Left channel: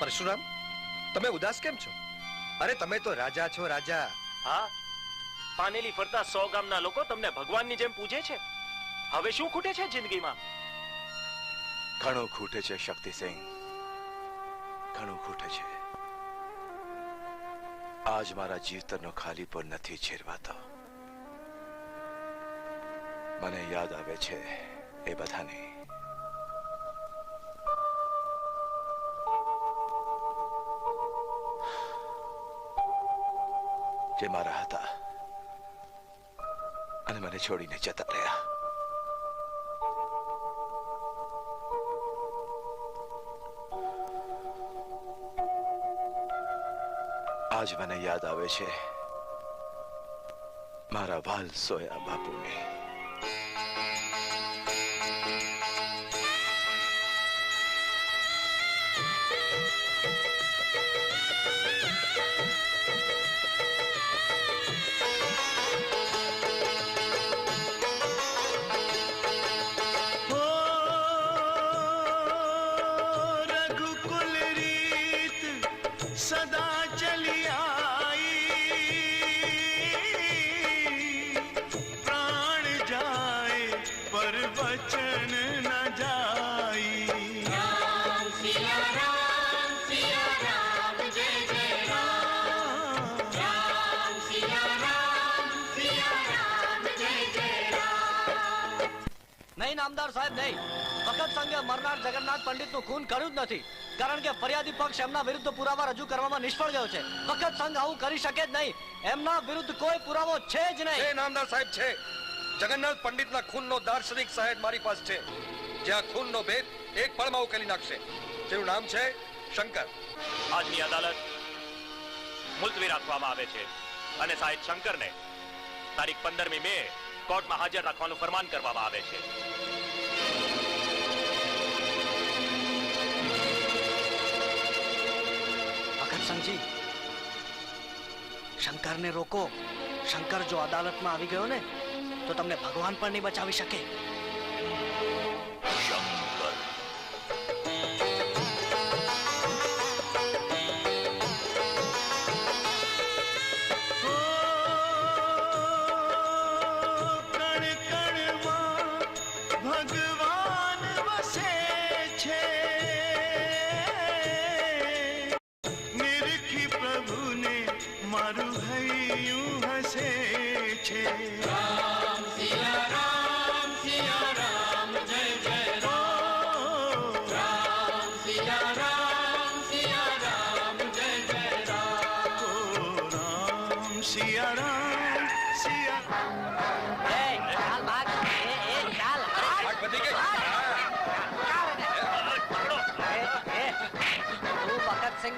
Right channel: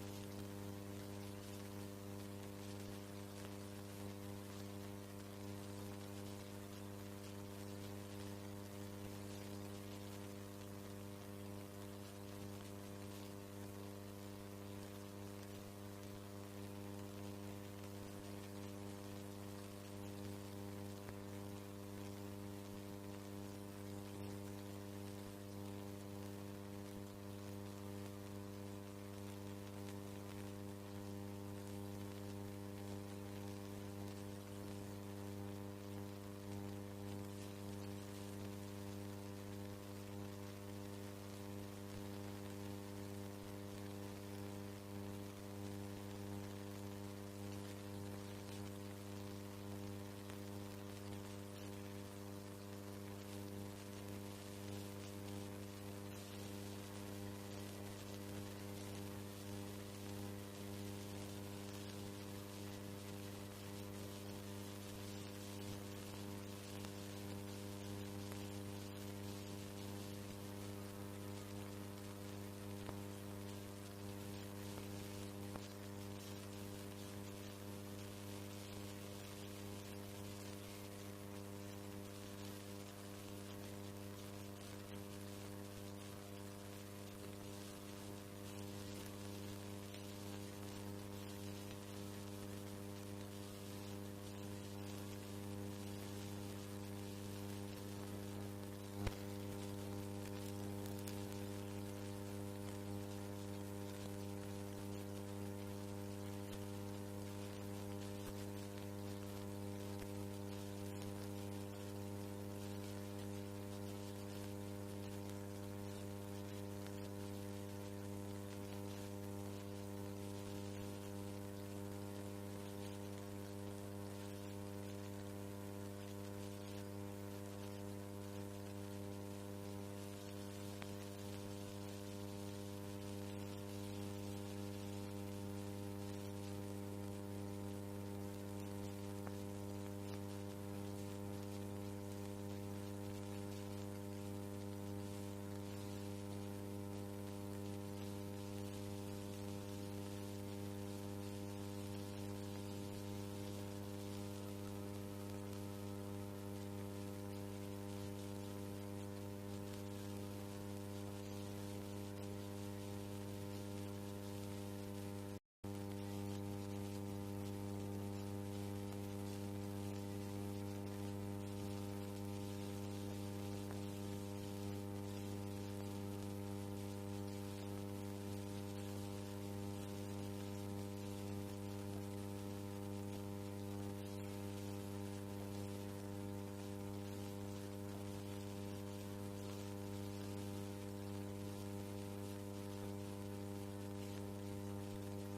પરશુરામ, તમે ઉદાસ કેમ છો? અરે તમે તો રાજા છો, રાજા. હા, પાનેલી ફરતા 100 ગામના લોકો તમને ભગવાનની જેમ પૂજે છે. હવે શું ખૂટે છે જિંદગીમાં? ઘણું ખૂટે છે શક્તિસિંહ, ઘણું ખૂટે છે. આજ મારા જીવતરનો ખાલીપો નથી છેરવાતો. મને યાદ આવે છે એ બધાની. જે મારા હતા અને મને છોડીને જતા રહ્યા. આજ મને યાદ આવે છે મારા વાલ સોયા બાપુને. નામદાર સાહેબ નહીં, વખત સંઘે મરનાર જગન્નાથ પંડિતનું ખૂન કર્યું જ નથી, કારણ કે ફરિયાદી પક્ષ એમના વિરુદ્ધ પુરાવા રજૂ કરવામાં નિષ્ફળ ગયો છે. વખત સંઘ આવું કરી શકે જ નહીં. એમના વિરુદ્ધ કોઈ પુરાવો છે જ નહીં. એ નામદાર સાહેબ છે. જગન્નાથ પંડિતના ખૂનનો દાર્શનિક સાહેબ મારી પાસે છે, જે આ ખૂનનો ભેદ એક પળમાં ઉકેલી નાખશે. જેનું નામ છે શંકર. આજની અદાલત મુલતવી રાખવામાં આવે છે અને સાહેબ શંકરને તારીખ 15મી મે કોર્ટમાં હાજર રાખવાનું ફરમાન કરવામાં આવે છે. ભગતસિંહજી, શંકરને રોકો. શંકર જો અદાલતમાં આવી ગયો ને તો તમને ભગવાન પણ નહીં બચાવી શકે.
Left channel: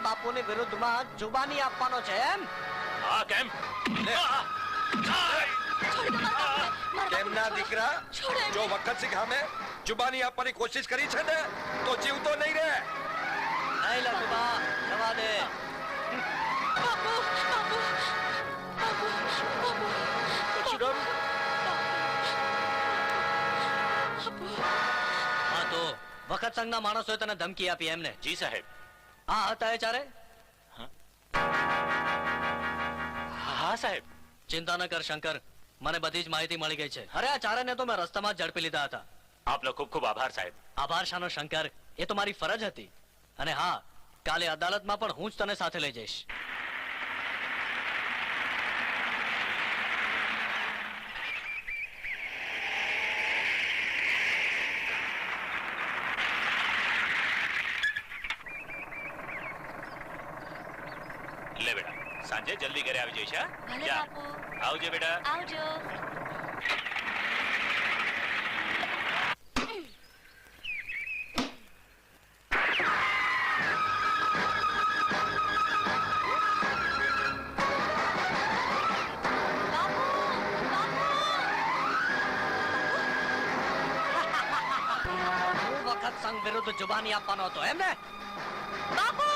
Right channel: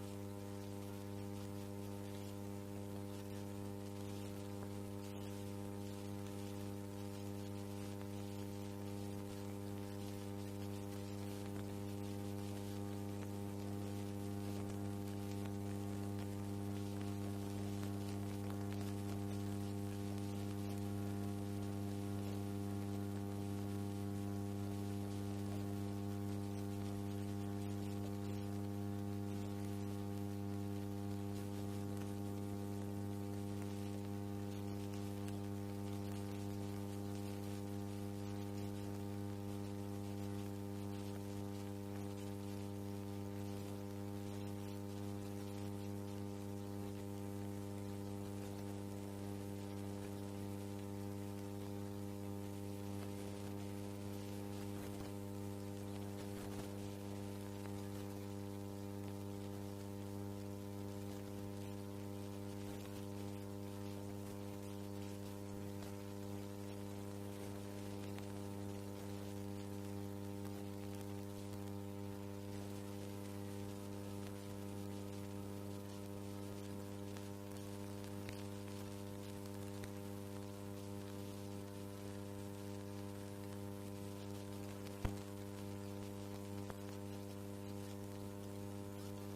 બાપુની વિરુદ્ધમાં જુબાની આપવાનો છે એમ? હા, કેમ? કેમના દીકરા, જો વખતસિંહ સામે જુબાની આપવાની કોશિશ કરી છે ને તો જીવતો નહીં રહે. નહીં લખુબા, જવા દે. હા, તો વખત સંઘના માણસોએ તને ધમકી આપી એમને? જી સાહેબ. હા હતા એ ચારે? હા સાહેબ. ચિંતા ન કર શંકર, મને બધી જ માહિતી મળી ગઈ છે. અરે આ ચારેને તો મેં રસ્તામાં ઝડપી લીધા હતા. આપનો ખૂબ ખૂબ આભાર સાહેબ. આભાર શાનો શંકર, એ તો મારી ફરજ હતી. અને હા, કાલે અદાલતમાં પણ હું જ તને સાથે લઈ જઈશ. લે બેટા, સાંજે જલ્દી ઘરે આવી જઈશ. ભલે બાપુ. આવજો બેટા. આવજો. વખત સંઘ વિરુદ્ધ જુબાની આપવાનો હતો એમ ને? બાપુ!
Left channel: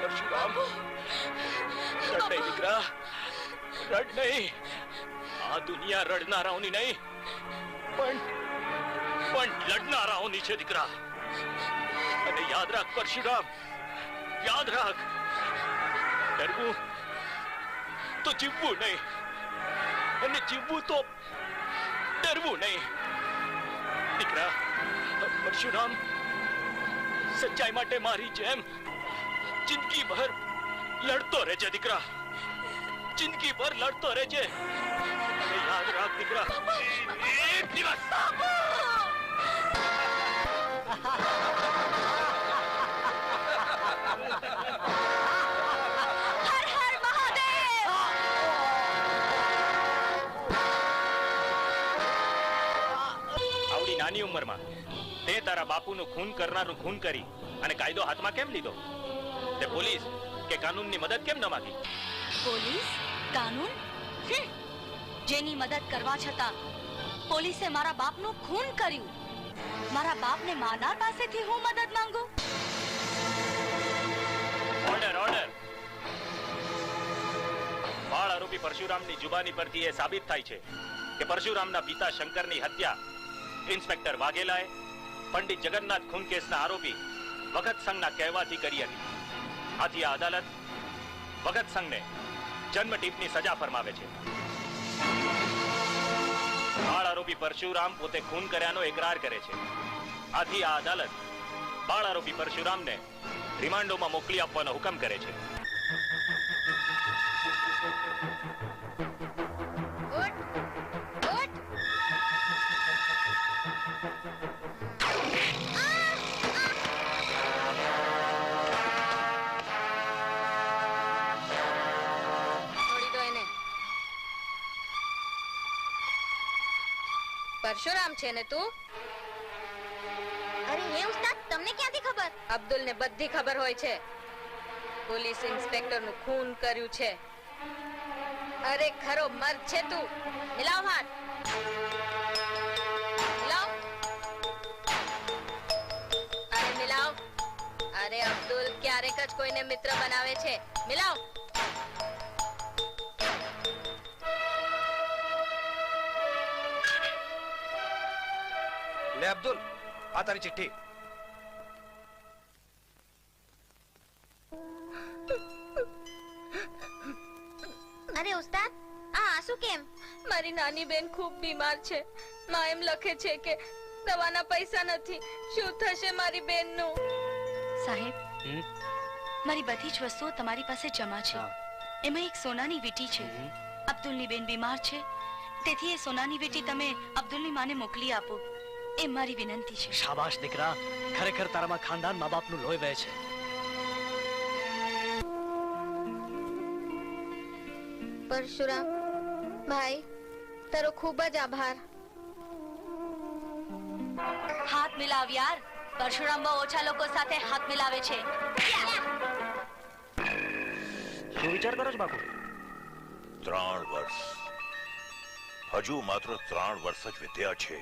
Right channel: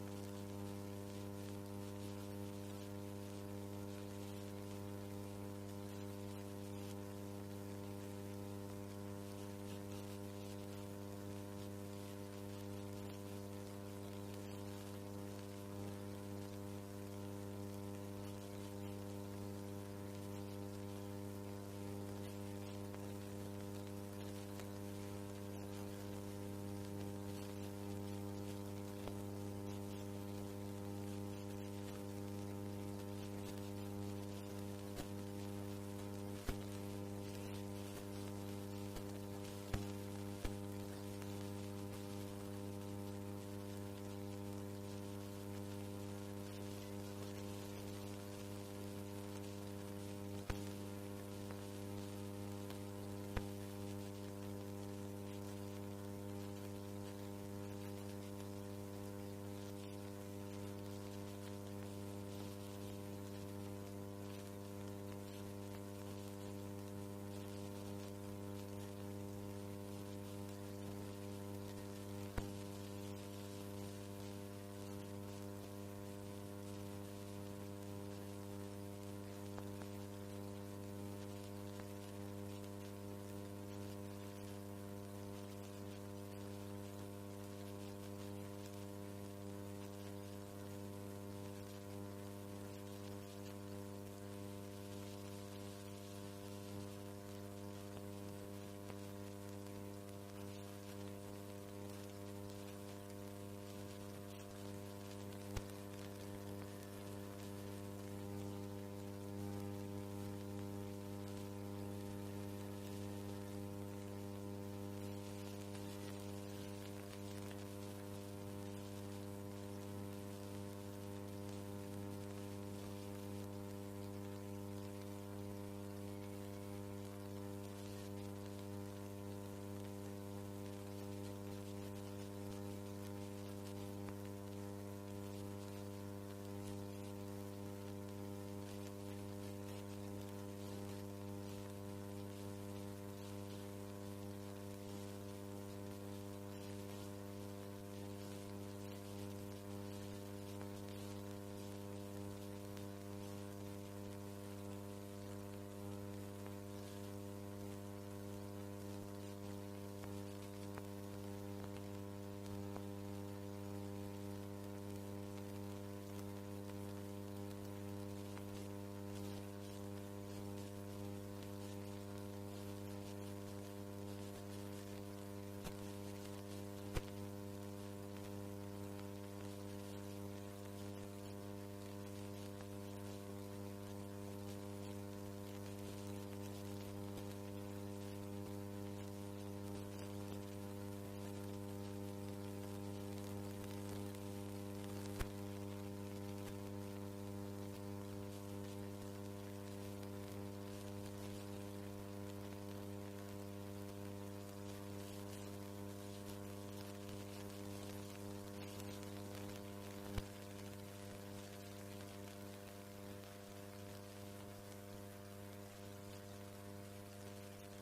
પરશુરામ, રડ નહીં દીકરા, રડ નહીં. આ દુનિયા રડનારાઓની નહીં, પણ પણ લડનારાઓની છે દીકરા. અને યાદ રાખ પરશુરામ, યાદ રાખ, ડરવું તો જીવવું નહીં, અને જીવવું તો ડરવું નહીં. દીકરા પરશુરામ સચ્ચાઈ માટે મારી જેમ જિંદગીભર લડતો રહેજે દીકરા, જિંદગીભર લડતો રહેજે. અને યાદ રાખ દીકરા, એક દિવસ હર હર મહાદેવ. આવડી નાની ઉંમરમાં તે તારા બાપુનું ખૂન કરનારનું ખૂન કરી અને કાયદો હાથમાં કેમ લીધો? તે પોલીસ કે કાનૂનની મદદ કેમ ન માંગી? પોલીસ, કાનૂન? જેની મદદ કરવા છતાં પોલીસે મારા બાપનું ખૂન કર્યું. મારા બાપને મારનાર પાસેથી હું મદદ માંગુ? Order, order. બાળ આરોપી પરશુરામની જુબાની પરથી એ સાબિત થાય છે કે પરશુરામના પિતા શંકરની હત્યા ઇન્સ્પેક્ટર વાઘેલાએ પંડિત જગન્નાથ ખૂન કેસના આરોપી ભગત સંઘના કહેવાથી કરી હતી. આથી આ અદાલત ભગત સંઘને જન્મટીપની સજા ફરમાવે છે. બાળ આરોપી પરશુરામ પોતે ખૂન કર્યાનો એકરાર કરે છે. આથી આ અદાલત બાળ આરોપી પરશુરામને રિમાન્ડોમાં મોકલી આપવાનો હુકમ કરે છે. પરશુરામ છે ને તું? અરે હે ઉસ્તાદ, તમને ક્યાંથી ખબર? અબ્દુલ ને બધી ખબર હોય છે. પોલીસ ઇન્સ્પેક્ટર નું ખૂન કર્યું છે. અરે ખરો મર્દ છે તું. મિલાવ હાથ, મિલાવ. અરે મિલાવ. અરે અબ્દુલ ક્યારેક જ કોઈને મિત્ર બનાવે છે. મિલાવ. લે અબ્દુલ, આ તારી ચિઠ્ઠી. અરે ઉસ્તાદ, આ આંસુ કેમ? મારી નાની બેન ખૂબ બીમાર છે. માં એમ લખે છે કે દવાના પૈસા નથી. શું થશે મારી બેનનું? સાહેબ, મારી બધી જ વસ્તુઓ તમારી પાસે જમા છે. એમાં એક સોનાની વીંટી છે. અબ્દુલની બેન બીમાર છે, તેથી એ સોનાની વીંટી તમે અબ્દુલની માને મોકલી આપો. એ મારી વિનંતી છે. શાબાશ દીકરા, ખરેખર તારામાં ખાનદાન મા બાપનું લોહી વહે છે. પરશુરામ ભાઈ, તારો ખૂબ જ આભાર. હાથ મિલાવ યાર. પરશુરામ બહુ ઓછા લોકો સાથે હાથ મિલાવે છે. શું વિચાર કરો છો બાપુ? 3 વર્ષ, હજુ માત્ર 3 વર્ષ જ વીત્યા છે.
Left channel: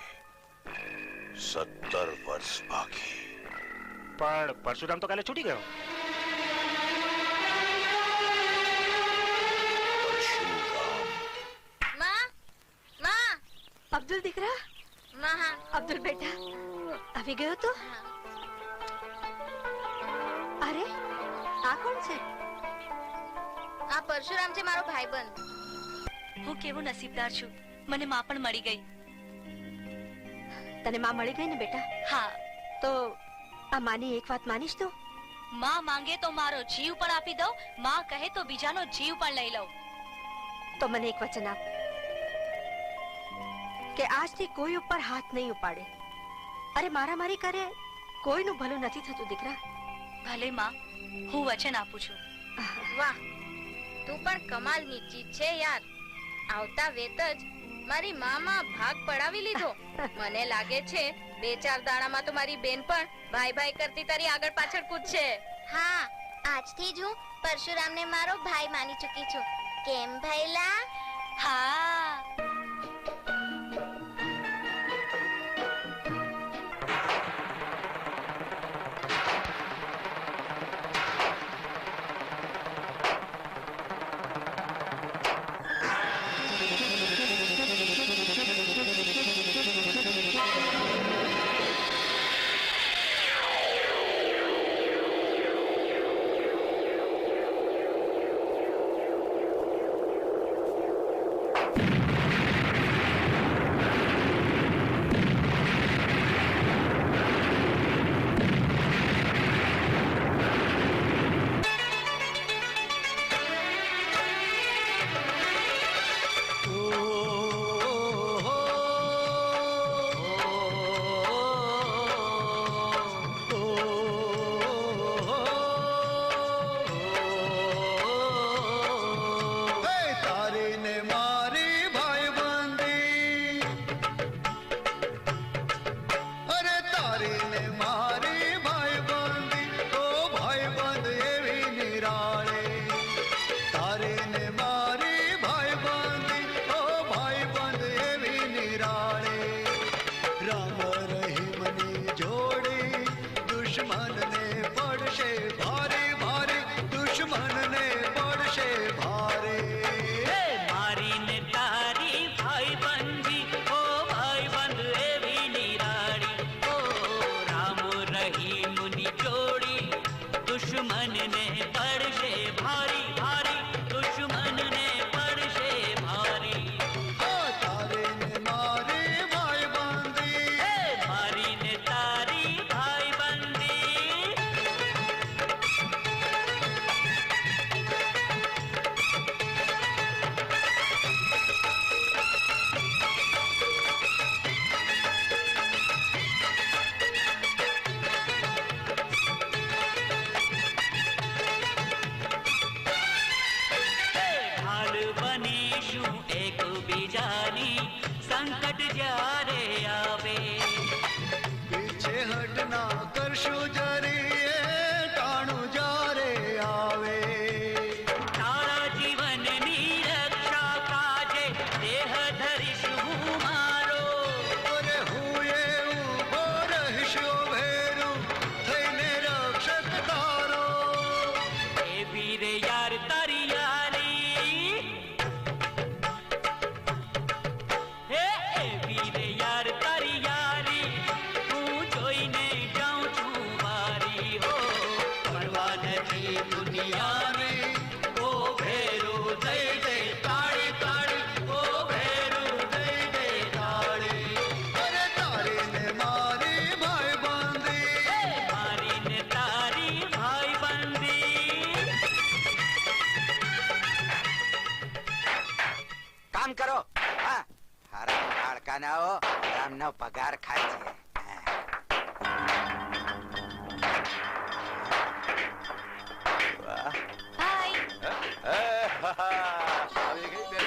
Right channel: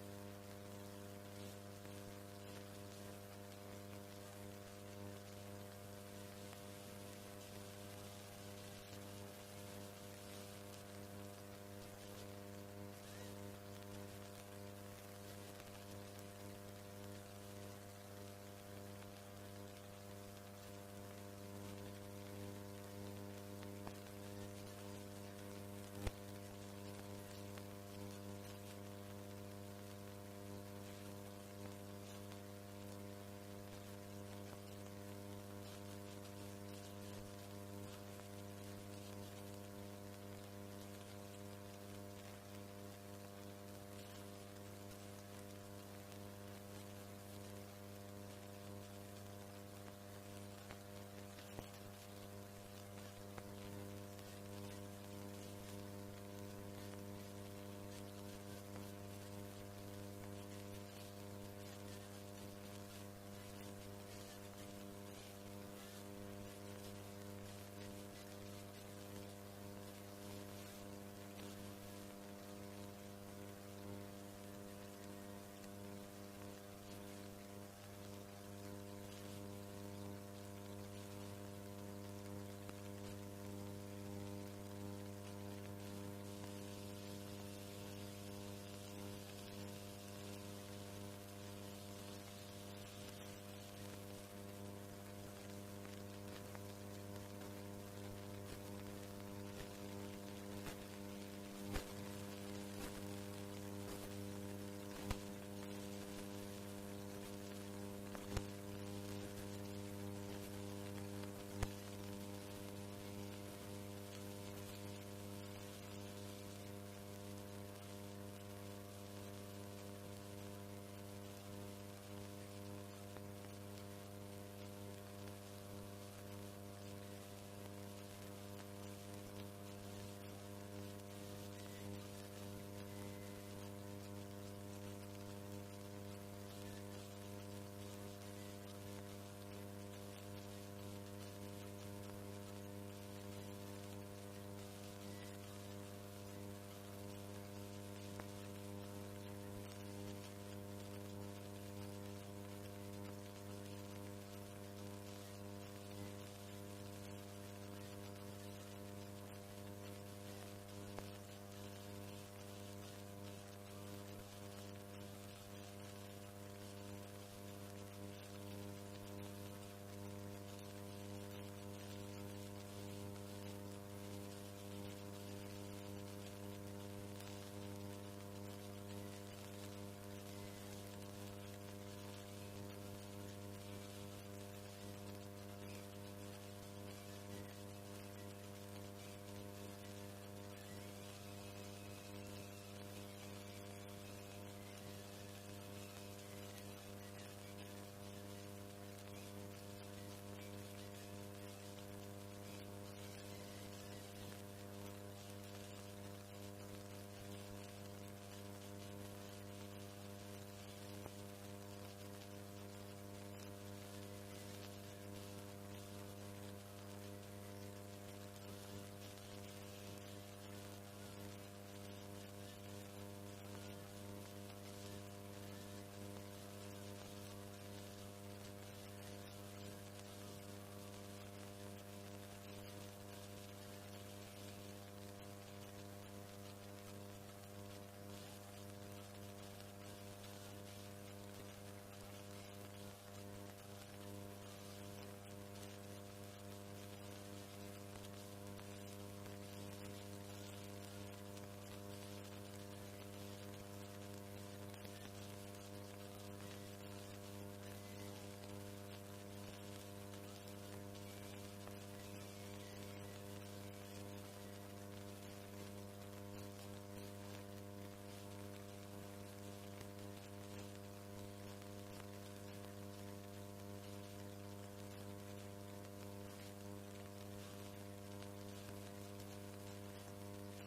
17 વર્ષ બાકી. પણ પરશુરામ તો કાલે છૂટી ગયો. માં, માં, અબ્દુલ દીકરા, માં. હા, અબ્દુલ બેટા આવી ગયો તો? અરે આ કોણ છે? આ પરશુરામ છે, મારો ભાઈબંધ. હું કેવો નસીબદાર છું, મને માં પણ મળી ગઈ. તને માં મળી ગઈ ને બેટા? હા. તો આ માની એક વાત માનીશ તો? માં માંગે તો મારો જીવ પણ આપી દઉં, માં કહે તો બીજાનો જીવ પણ લઈ લઉં. તો મને એક વચન આપ કે આજથી કોઈ ઉપર હાથ નહીં ઉપાડે. અરે મારામારી કરે કોઈનું ભલું નથી થતું દીકરા. ભલે માં, હું વચન આપું છું. વાહ, તું પણ કમાલની ચીજ છે યાર. આવતા વેત જ મારી મામાં ભાગ પડાવી લીધો. મને લાગે છે 2-4 દાડામાં તો મારી બેન પણ ભાઈ ભાઈ કરતી તારી આગળ પાછળ કૂદશે. હા, આજથી જ હું પરશુરામને મારો ભાઈ માની ચૂકી છું. કેમ ભાઈલા? હા. બનીશું એકબીજાની સંકટ જ્યારે આવે પીછે હટ ના કરશું જરી એ ટાણું જ્યારે આવે તારા જીવનની રક્ષા કાજે દેહ ધરીશ હું મારો અરે હું એ ઊભો રહીશ ભેરું થઈને રક્ષક તારો એ વીરે યાર તારી યારી હે એ વીરે યાર તારી યારી હું જોઈને જાઉં છું મારી હો પરવા નથી દુનિયાની ઓ ભેરું દઈ દે તાળી તાળી ઓ ભેરું દઈ દે તાળી અરે તારી ને મારી ભાઈ બંધી મારી ને તારી ભાઈ બંધી કામ કરો હા હારા હાડકાનાઓ રામનો પગાર ખાય છે હાય આવી ગઈ બેન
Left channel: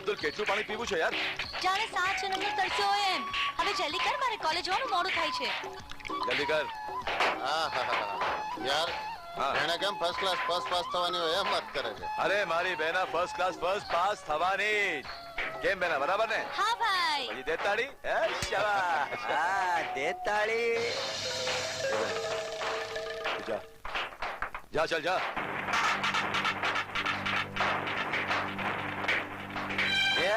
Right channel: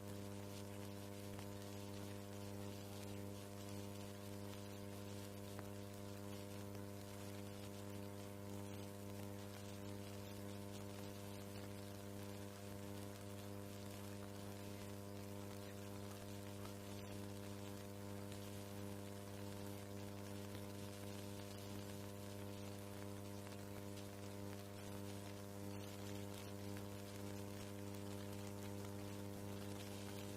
અબ્દુલ કેટલું પાણી પીવું છે યાર જાણે 7 જન્મનો તરસ્યો હોય એમ હવે જલ્દી કર મારે કોલેજ જવાનું મોડું થાય છે જલ્દી કર યાર એને કેમ ફર્સ્ટ ક્લાસ ફર્સ્ટ પાસ થવાની હોય એમ વાત કરે છે અરે મારી બેના ફર્સ્ટ ક્લાસ ફર્સ્ટ પાસ થવાની કેમ બેના બરાબર ને હા ભાઈ પછી દે તાળી એ શાબાશ હા દે તાળી જા જા ચલ જા એ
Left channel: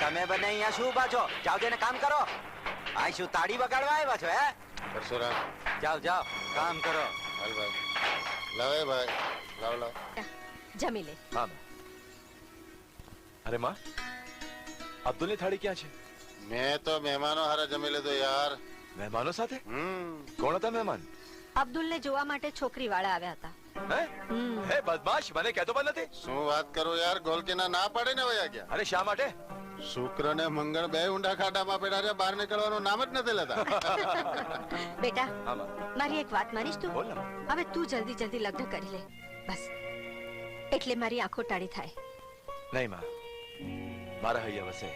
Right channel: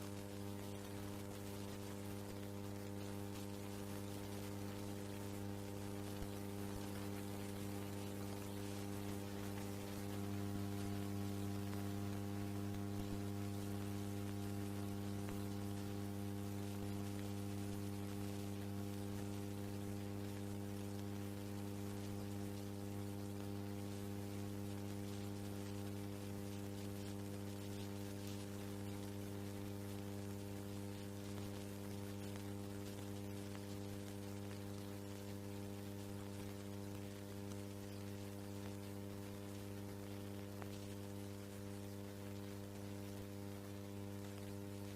તમે બંને અહીંયા શું ઉભા છો જાઓ જઈને કામ કરો આ શું તાળી વગાડવા આવ્યા છો હે પરશુરામ જાઓ જાઓ કામ કરો હાલ ભાઈ લાવે ભાઈ લાવ લાવ જમી લે હા અરે માં અબ્દુલની થાળી ક્યાં છે મેં તો મહેમાનો હારે જમી લીધું યાર મહેમાનો સાથે કોણ હતા મહેમાન અબ્દુલને જોવા માટે છોકરી વાળા આવ્યા હતા હે હે બદમાશ મને કહેતો પણ નથી શું વાત કરું યાર ગોલકીના ના પાડે ને વયા ગયા અરે શા માટે શુક્ર ને મંગળ બે ઊંડા ખાડામાં પડ્યા છે બહાર નીકળવાનું નામ જ નથી લેતા બેટા હા માં મારી એક વાત માનીશ તું બોલ ને હવે તું જલ્દી જલ્દી લગ્ન કરી લે બસ એટલે મારી આંખો ટાળી થાય નહીં માં મારા હૈયા વસે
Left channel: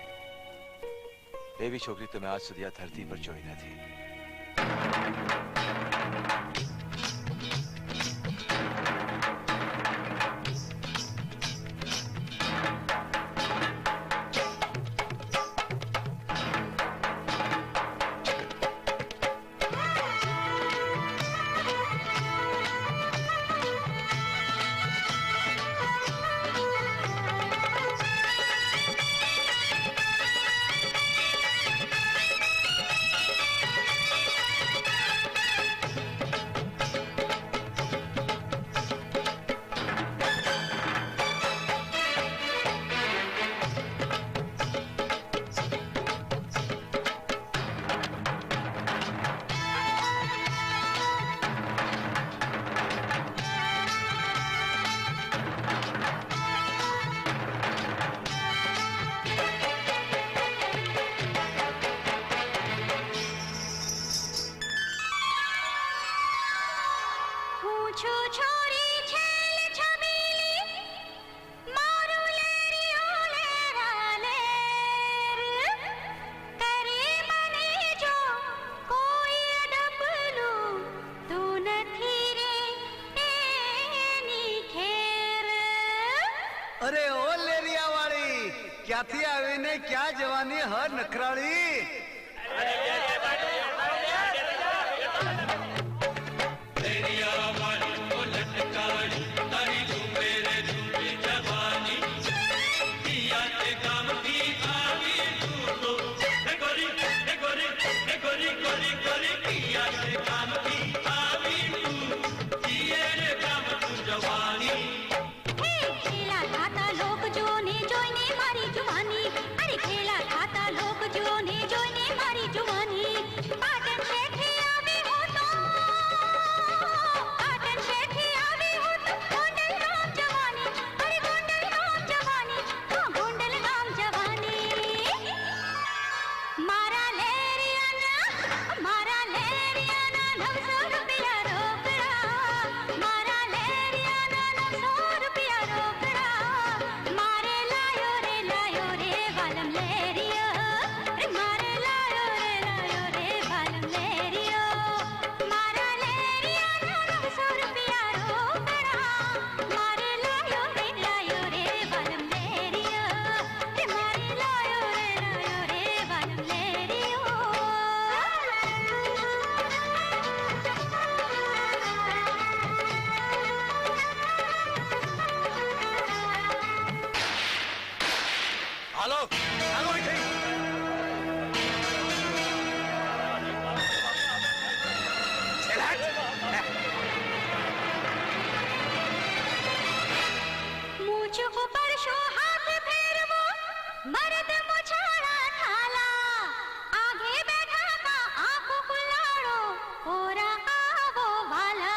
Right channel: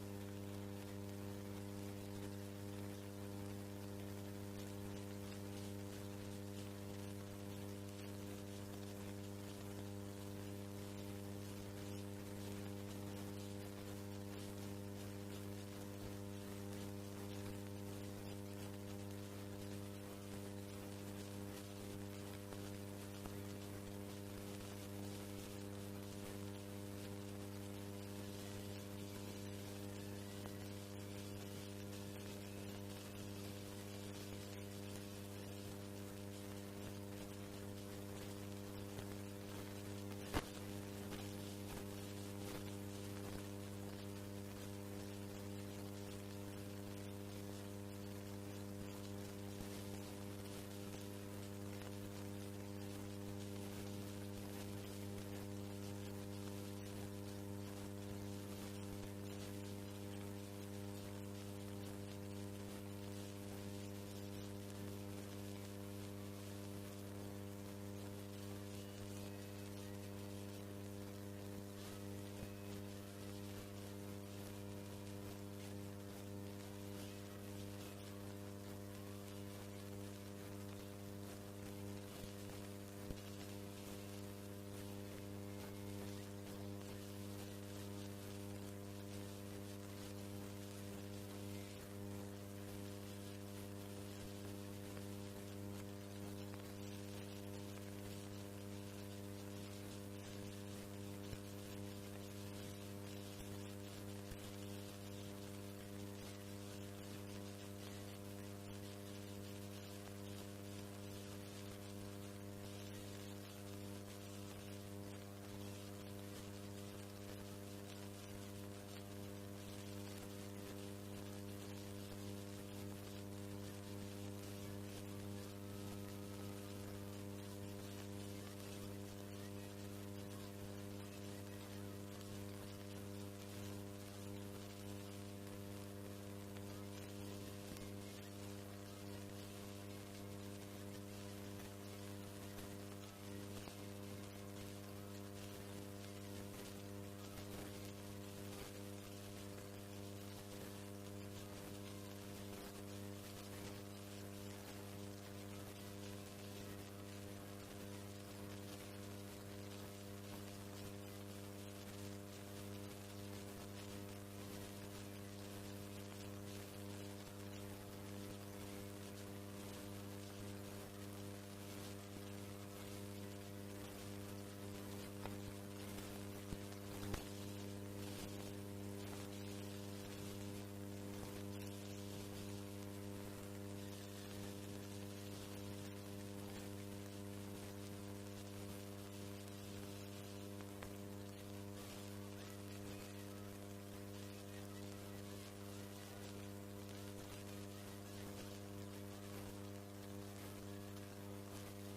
એવી છોકરી તો મેં આજ સુધી આ ધરતી પર જોઈ નથી અરે ઓ લેરિયા વાળી ક્યાંથી આવીને ક્યાં જવાની હર નખરાળી ખેલા ખાતા લોક જોને જોઈને મારી જુવાની હાલો હાલો અહીંથી. मुझ ऊपर शो हाथ फेरवो मर्द मुछाड़ा थाला आगे बैठा का आंख खुलाड़ो ओरा आवो वाला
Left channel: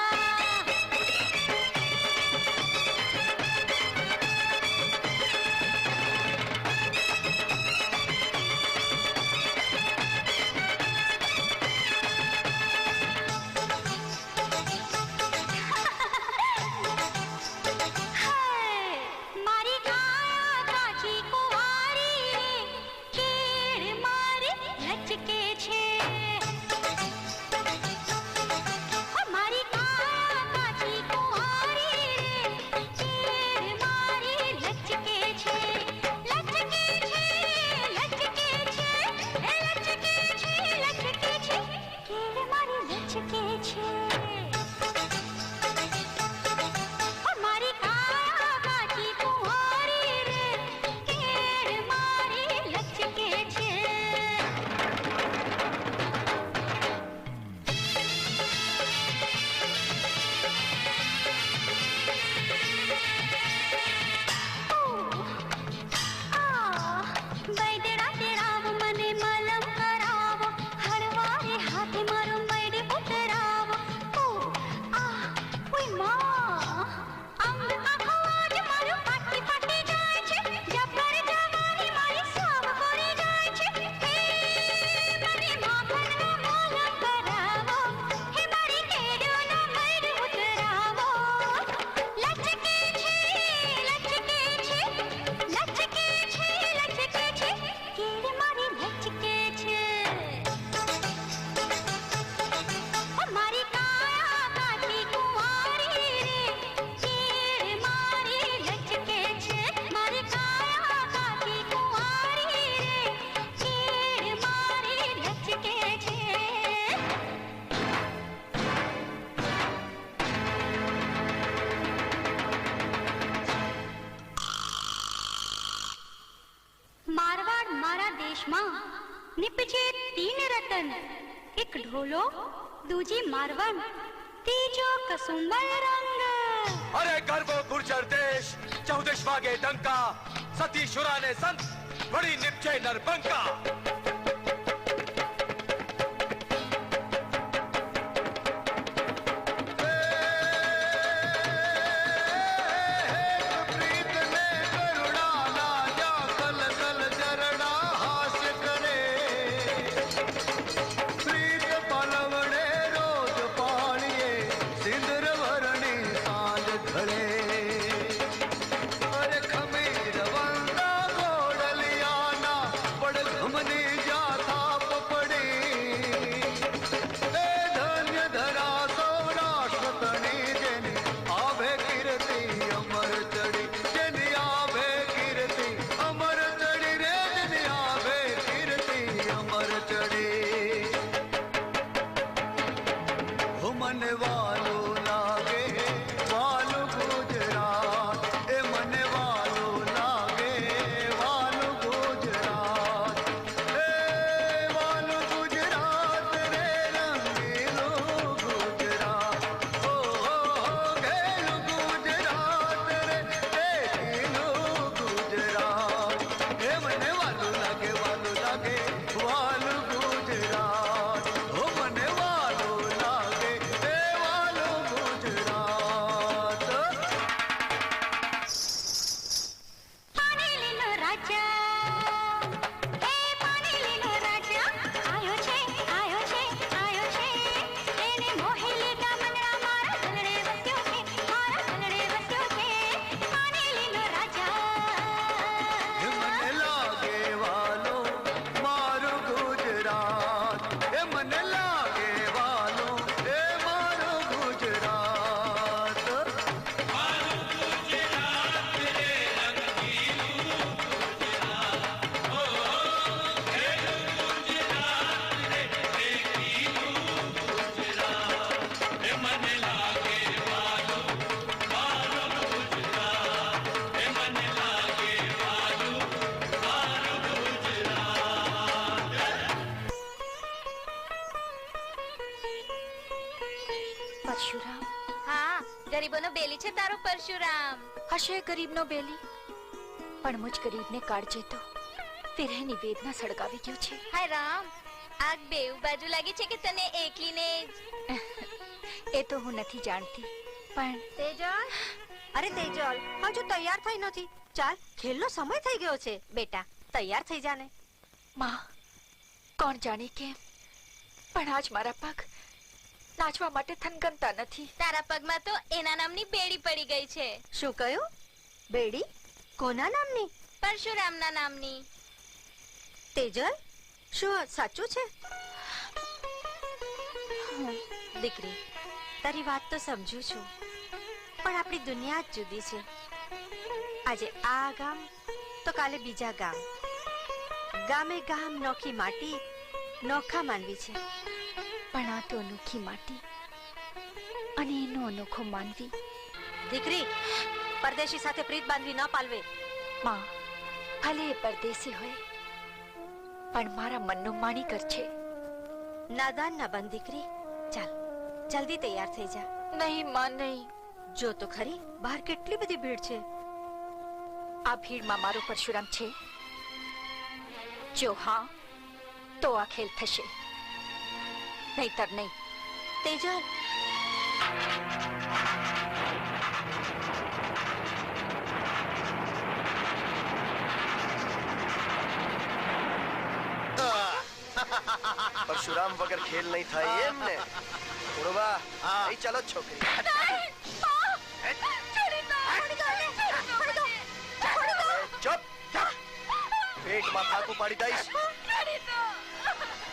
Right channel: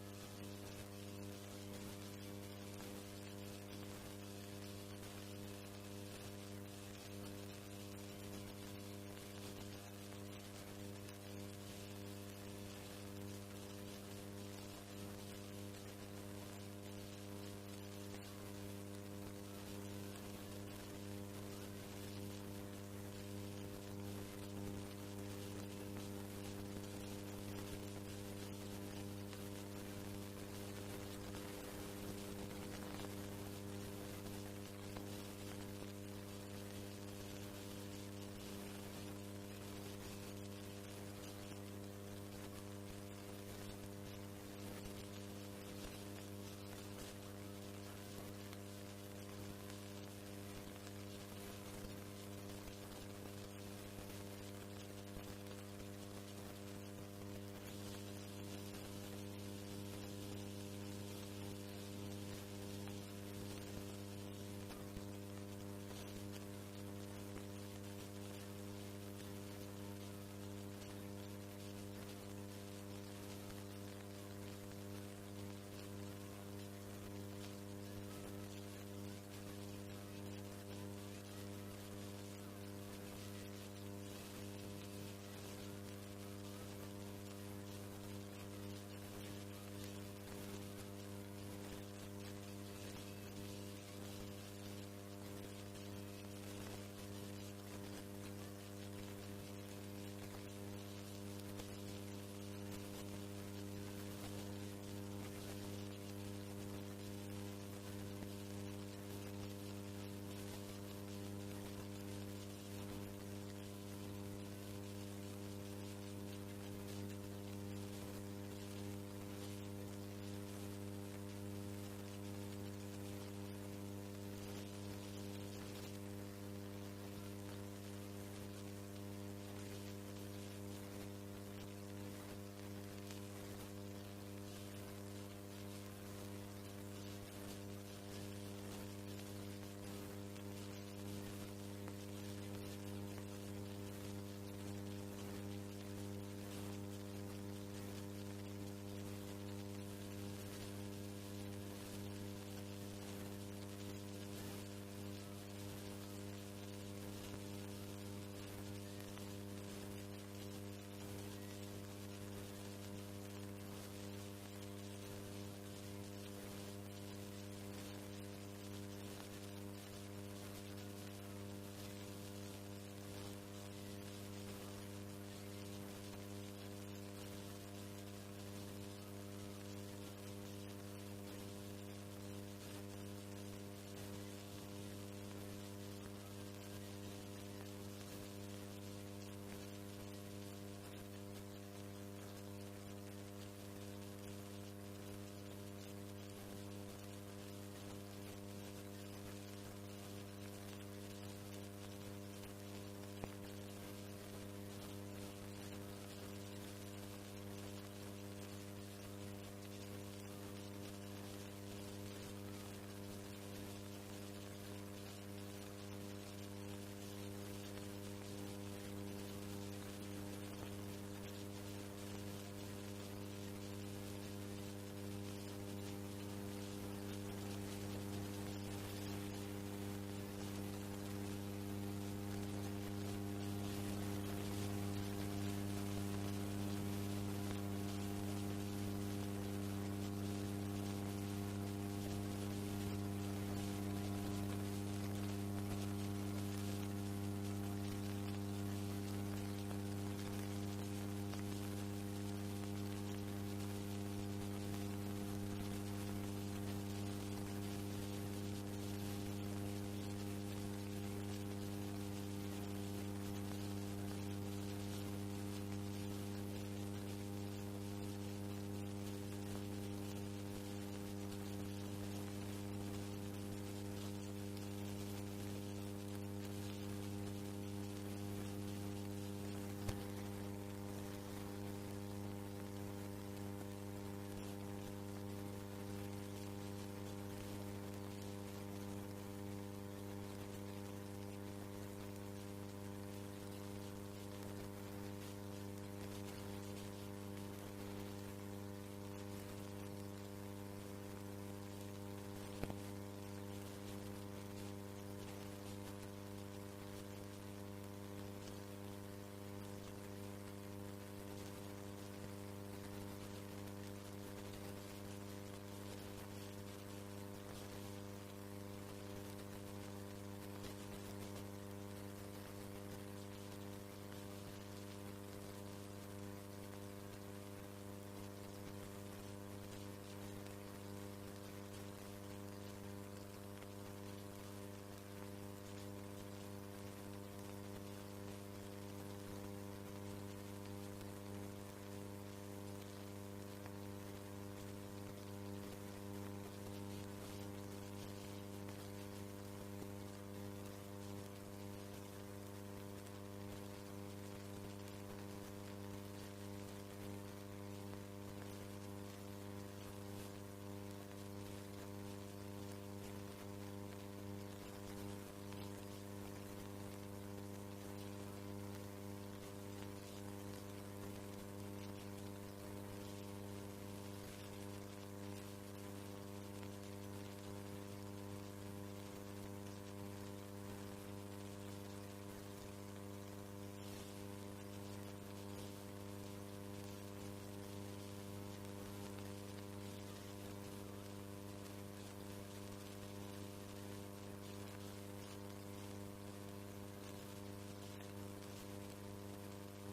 मारी काया काची कुवारी रे केड़ मारी लचके छे मारी काया काची कुवारी रे केड़ मारी लचके छे लचके छे लचके छे ए लचके छे लचके छे केड़ मारी लचके छे मारी काया काची कुंवारी रे केड़ मारी लचके छे बैदड़ा तेड़ाव मने मलम करावो हरवारे हाथे मारो मैडे उतरावो ओय मां अंग आखो आज मारो पाटी पाटी जाय छे जबर जवानी मारी साव करे जाय छे हे मने माखन नो मलम करावो हे मारी केडो नो मैडे उतरावो लचके छे लचके छे लचके छे लचके छे केड़ मारी लचके छे मारी काया काची कुंवारी रे केड़ मारी लचके छे मारी काया काची कुंवारी रे केड़ मारी लचके छे मारवाड़ मारा देश में निपजे 3 रतन एक ढोलो दूजी मारवण तीजो कसुंबल रंग अरे गर्वो गुर्जर देश 14 वागे डंका सती शुराने संत बड़ी निपजे नरबंका. प्रीत ने करुणा ना जा कल कल जरना हास्य करे प्रीत पलवड़े रोज पाणिए सिंदर वरणी सांझ ढळे अरे खमीर वंदा गोडलियाना पड़ घमनी जाता બેલી છે તારો પરશુરામ. હશે ગરીબનો બેલી, પણ મુજ ગરીબને કાળજે તો વિરહની વેદના સળગાવી ગયો છે. હાય રામ, આગ બેઉ બાજુ લાગે છે કે તને એકલીને એ તો હું નથી જાણતી, પણ તેજલ, અરે તેજલ, હજુ તૈયાર થઈ નથી. ચાલ, ખેલનો સમય થઈ ગયો છે. બેટા, તૈયાર થઈ જાને. માં, કોણ જાણે કેમ પણ આજ મારા પગ નાચવા માટે થનગનતા નથી. તારા પગમાં તો એના નામની બેડી પડી ગઈ છે. શું કહ્યું? બેડી? કોના નામની? પરશુરામના નામની. તેજલ, શું સાચું છે? દીકરી, તારી વાત તો સમજુ છું, પણ આપણી દુનિયા જ જુદી છે. આજે આ ગામ તો કાલે બીજા ગામ. ગામે ગામ નોખી માટી, નોખા માનવી છે. પણ આ તો અનોખી માટી અને એનો અનોખો માનવી. દીકરી, પરદેશી સાથે પ્રીત બાંધવી ન પાલવે. માં, ભલે એ પરદેશી હોય, પણ મારા મનનો માણીકર છે. નાદાન ના બન દીકરી. ચાલ, જલ્દી તૈયાર થઈ જા. નહીં માં, નહીં. જો તો ખરી, બહાર કેટલી બધી ભીડ છે. આ ભીડમાં મારો પરશુરામ છે? જો હા, તો આ ખેલ થશે, નહીતર નહીં. તેજલ, પરશુરામ વગર ખેલ નહીં થાય એમ ને? ઉડવા, અહીં ચાલો છોકરી. ચૂપ, પેટમાં ફાંકું પાડી દઈશ.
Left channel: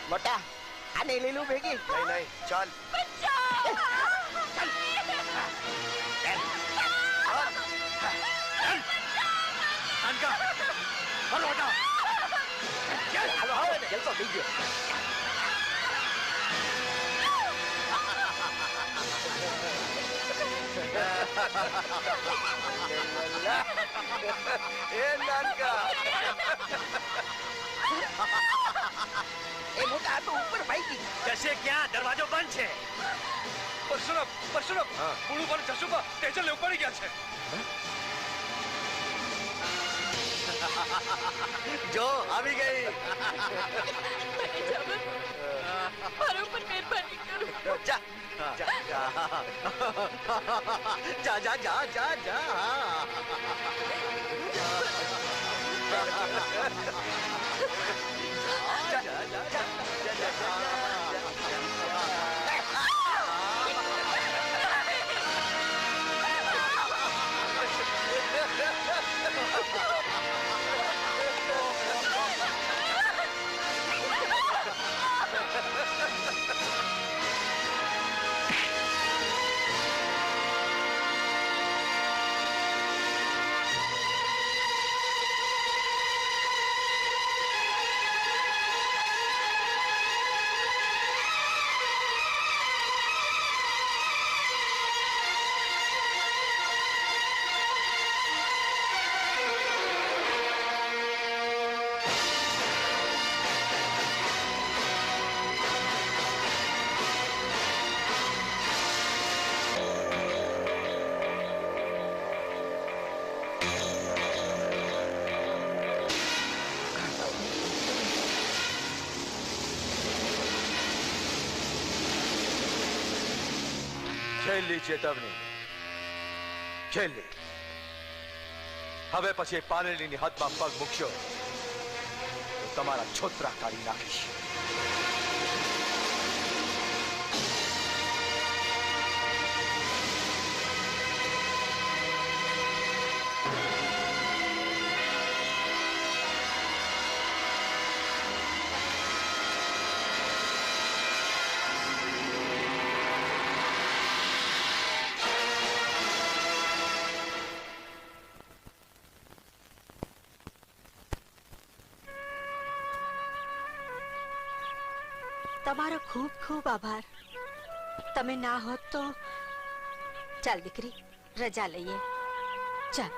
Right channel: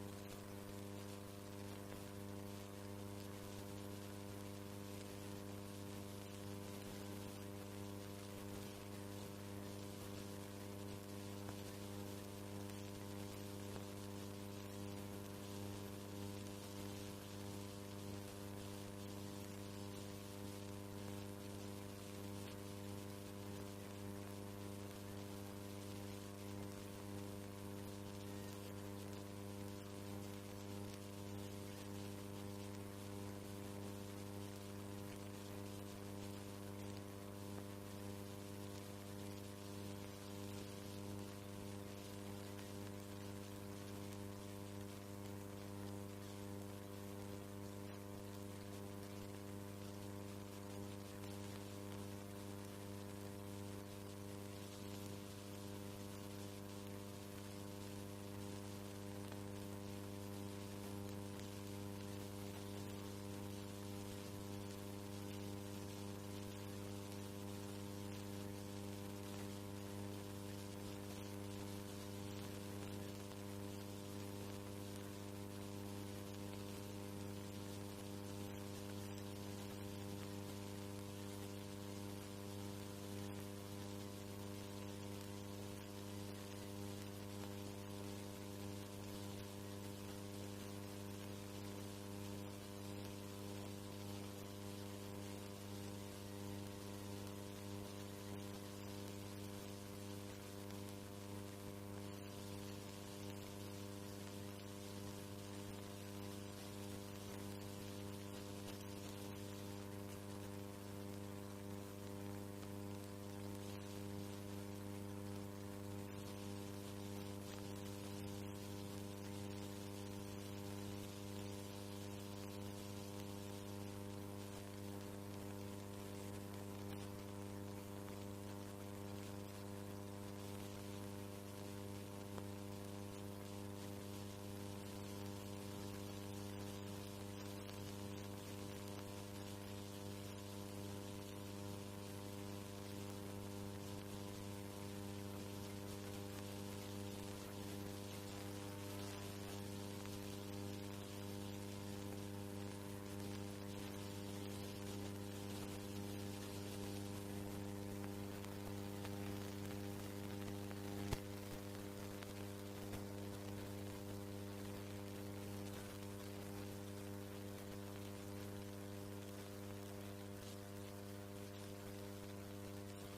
મોટા, આ નહીં લીલું ભેગી. નહીં નહીં, ચાલ. જલસો થઈ ગયો. એ નાનકા, એ મોટા તો ઉપર ભાઈ જશે ક્યાં? દરવાજો બંધ છે. પરશુરામ, પરશુરામ, પુળું પર જશુબા તેજલ ઉપર પડી ગયા છે. જો આવી ગઈ. મારા ઉપર મહેરબાની કરો. જા જા જા જા જા જા જા જા. છેલ્લી ચેતવણી, છેલ્લી. હવે પછી પારેલીની હાથમાં પગ મૂકશો તો તમારા છોતરા કાઢી નાખીશ. તમારો ખૂબ ખૂબ આભાર. તમે ના હોત તો. ચાલ દીકરી, રજા લઈએ. ચાલ.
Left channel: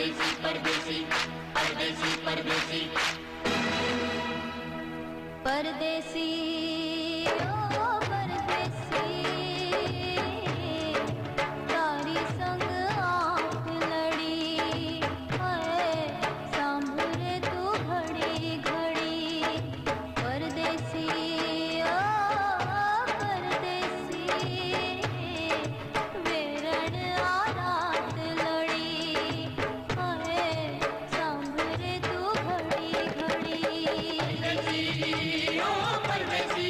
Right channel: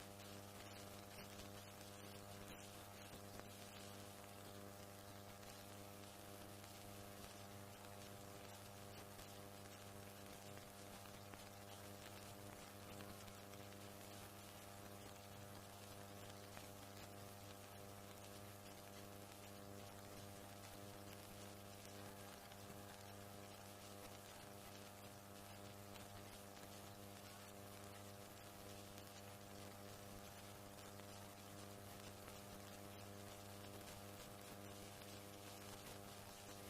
परदेसी परदेसी परदेसी परदेसी परदेसी ओ परदेसी तारी संग आँख लड़ी हाय सांभरे तू घड़ी घड़ी परदेसी ओ परदेसी वेरण आ रात लड़ी हाय सांभरे तू घड़ी घड़ी परदेसी ओ परदेसी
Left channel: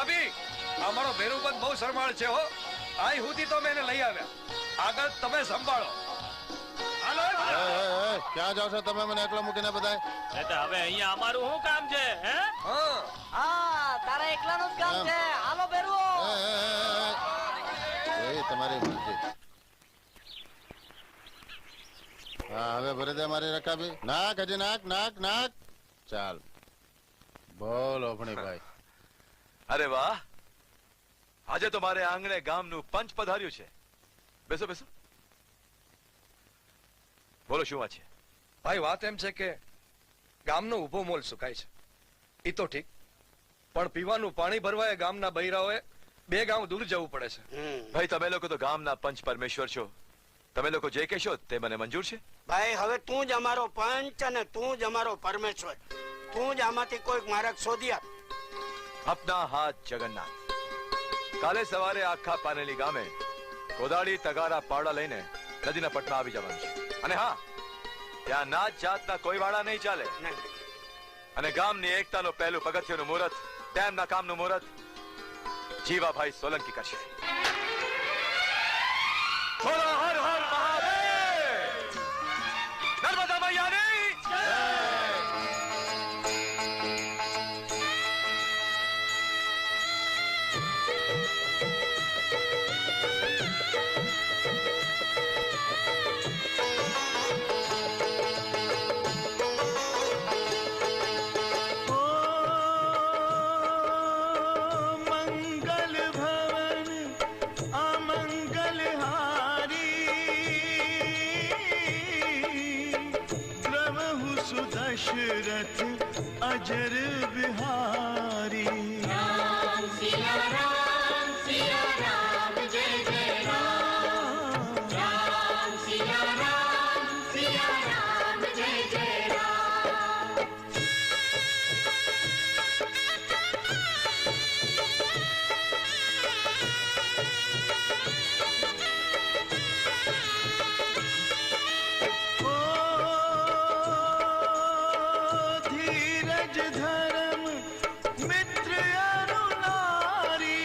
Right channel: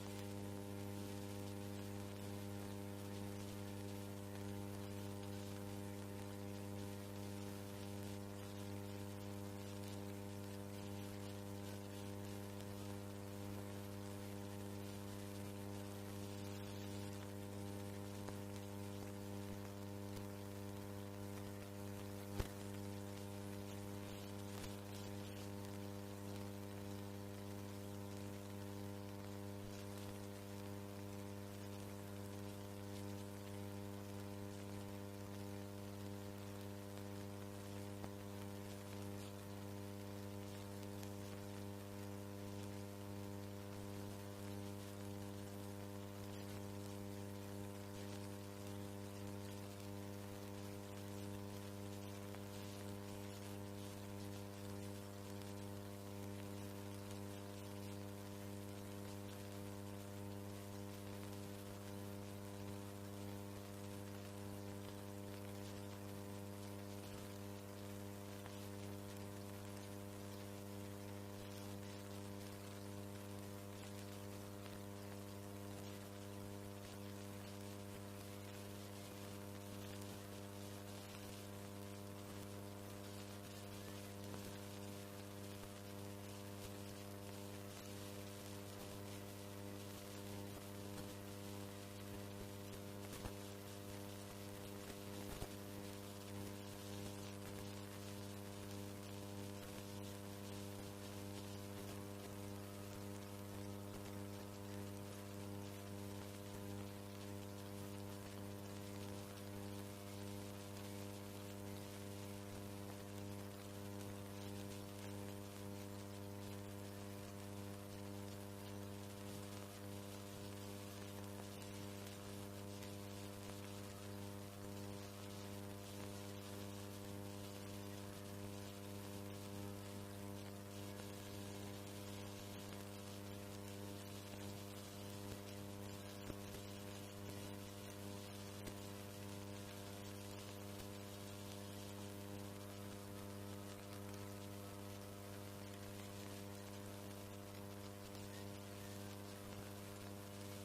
ભાભી અમારો ભેરુબંધ બહુ શરમાળ છે હો. આઈ સુધી તો મેં એને લઈ આવ્યા. આગળ તમે સંભાળો. હાલો ક્યાં જાવ છો તમે? મને એકલો મૂકીને બધાય. હવે અહીંયા અમારું શું કામ છે? હે હા તારા એકલાનું જ કામ છે. હાલો બેરુ. એ તમારી મરજી. હા હવે ભરી દે મારી રકાબી. નાક હજી નાક નાક નાક. ચાલ બોલ ઓપણીભાઈ. અરે વાહ, આજે તો મારે આંગણે ગામનું પંચ પધાર્યું છે. બેસો બેસો. બોલો શું વાત છે? ભાઈ વાત એમ છે કે ગામનો ઊભો મોલ સુકાય છે. ઈ તો ઠીક, પણ પીવાનું પાણી ભરવા ગામના બૈરાઓએ 2 ગામ દૂર જવું પડે છે. ભાઈ તમે લોકો તો ગામના પંચ પરમેશ્વર છો. તમે લોકો જે કહેશો તે મને મંજૂર છે. ભાઈ હવે તું જ અમારો પંચ અને તું જ અમારો પરમેશ્વર. તું જ આમાંથી કોઈક માર્ગ શોધી આપ. અપના હાથ જગન્નાથ. કાલે સવારે આખા પાનેલી ગામે કોદાળી તગારા પાવડા લઈને નદીના પટમાં આવી જવાનું છે. અને હા, ત્યાં નાત જાતના કોઈ વાળા નહીં ચાલે. અને ગામની એકતાનું પહેલું પગથિયાનું મુહૂર્ત, તેમના કામનું મુહૂર્ત જીવાભાઈ સોલંકી કરશે. બોલો હર હર મહાદેવ! નર્મદા મૈયાની જય! दशरथ अजर बिहारी राम सिया राम जय जय राम राम सिया राम जय जय राम. धर्म मित्र अनुनारी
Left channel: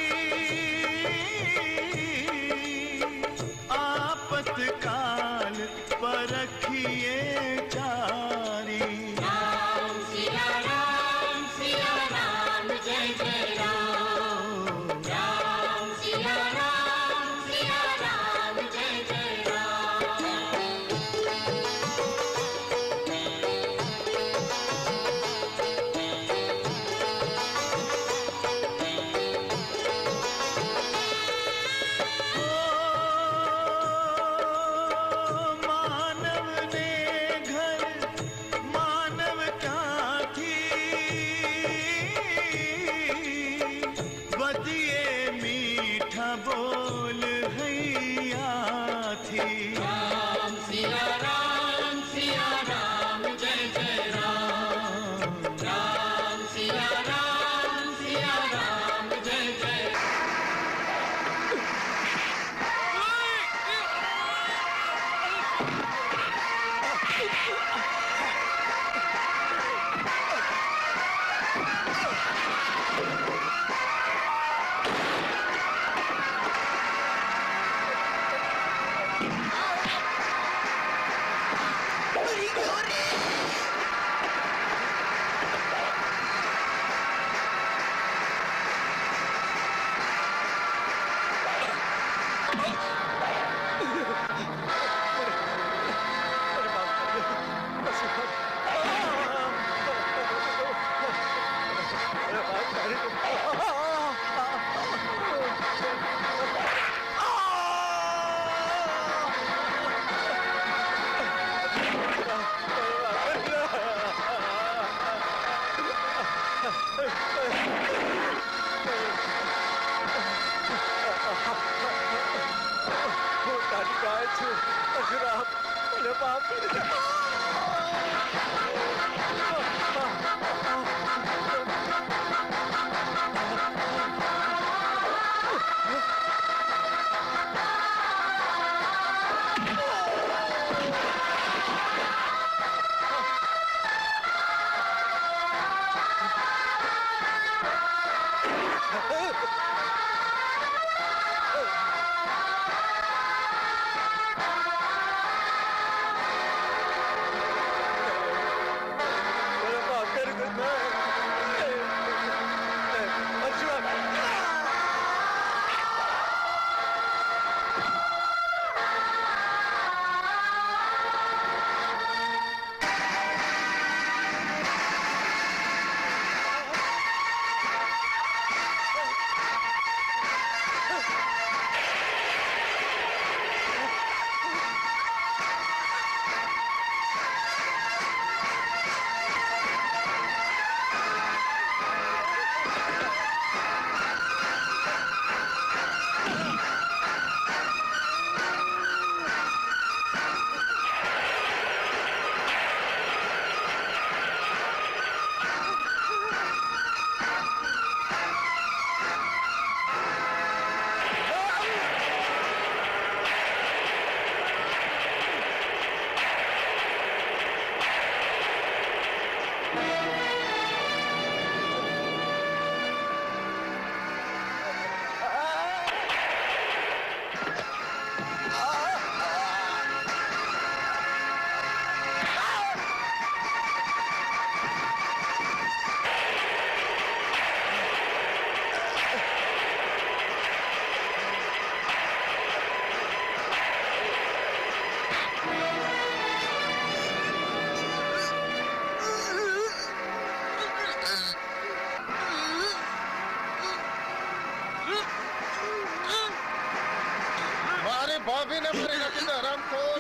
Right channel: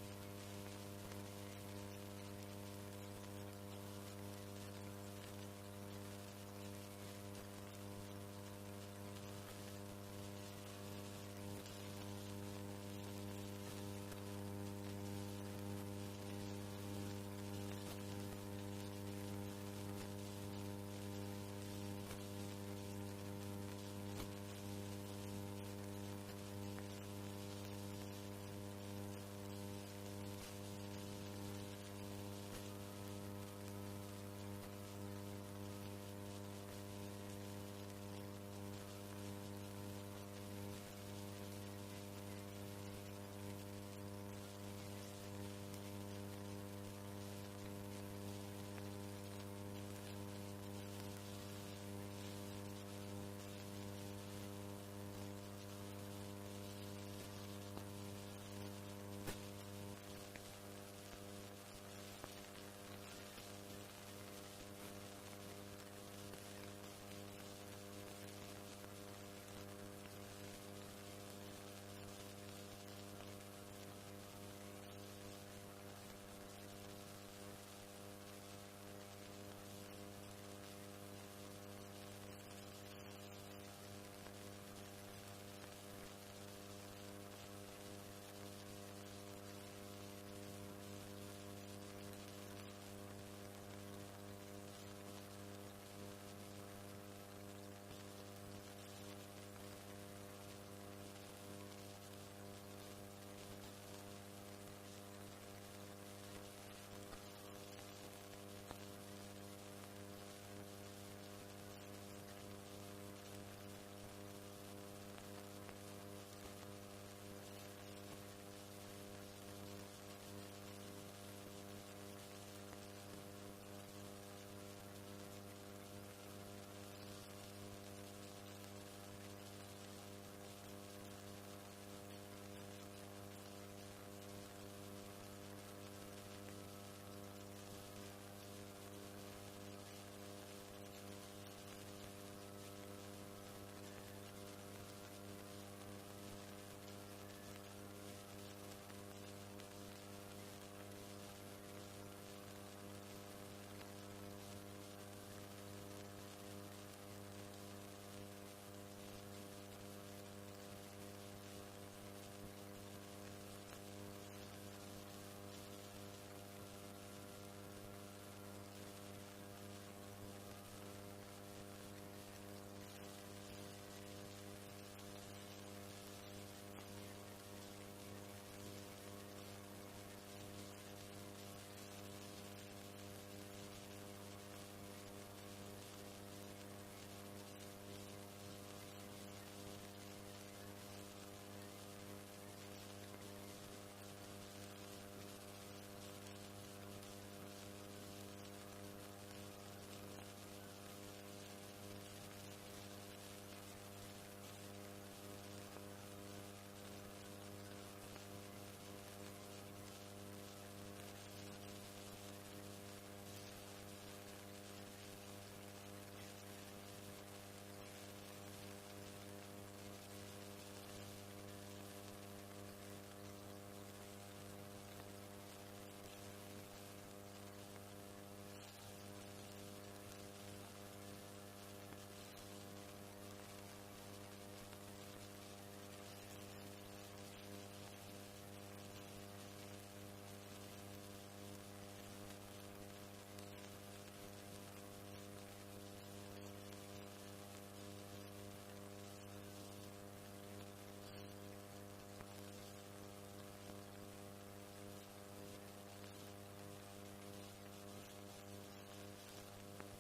મારી ભાભીને મારી નાખી દે હરામખોર.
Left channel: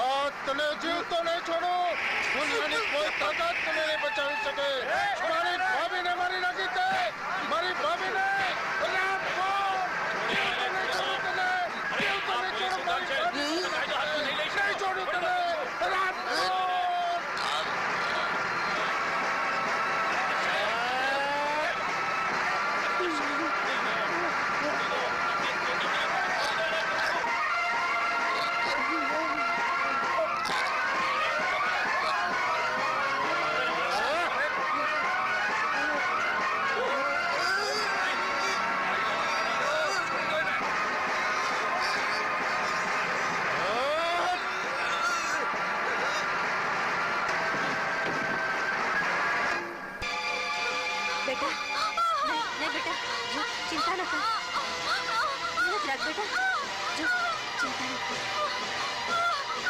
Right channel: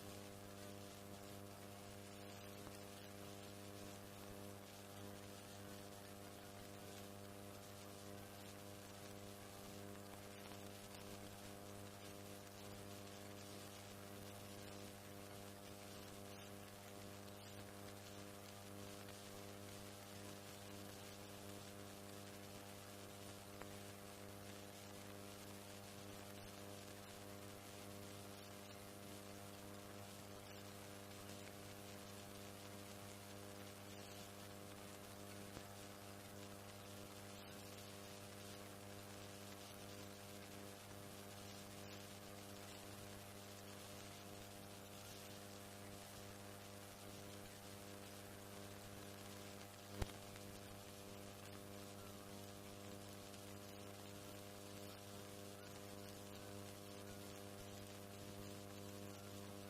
આ તને જીવતો નહીં છોડું. દુનિયાની કોઈ તાકાત તને નહીં બચાવી શકે. મારી ભાભીને મારી નાખી દે. મારી ભાભીને હરામખોર. જીવતો નહીં છોડું તને. જીવતો નહીં છોડું મારી ભાભી. નહીં છોડું તને. હરામખોર. बेटा नहीं बेटा जो चिंता न कर हिम्मत रख बेटा जो चिंता न कर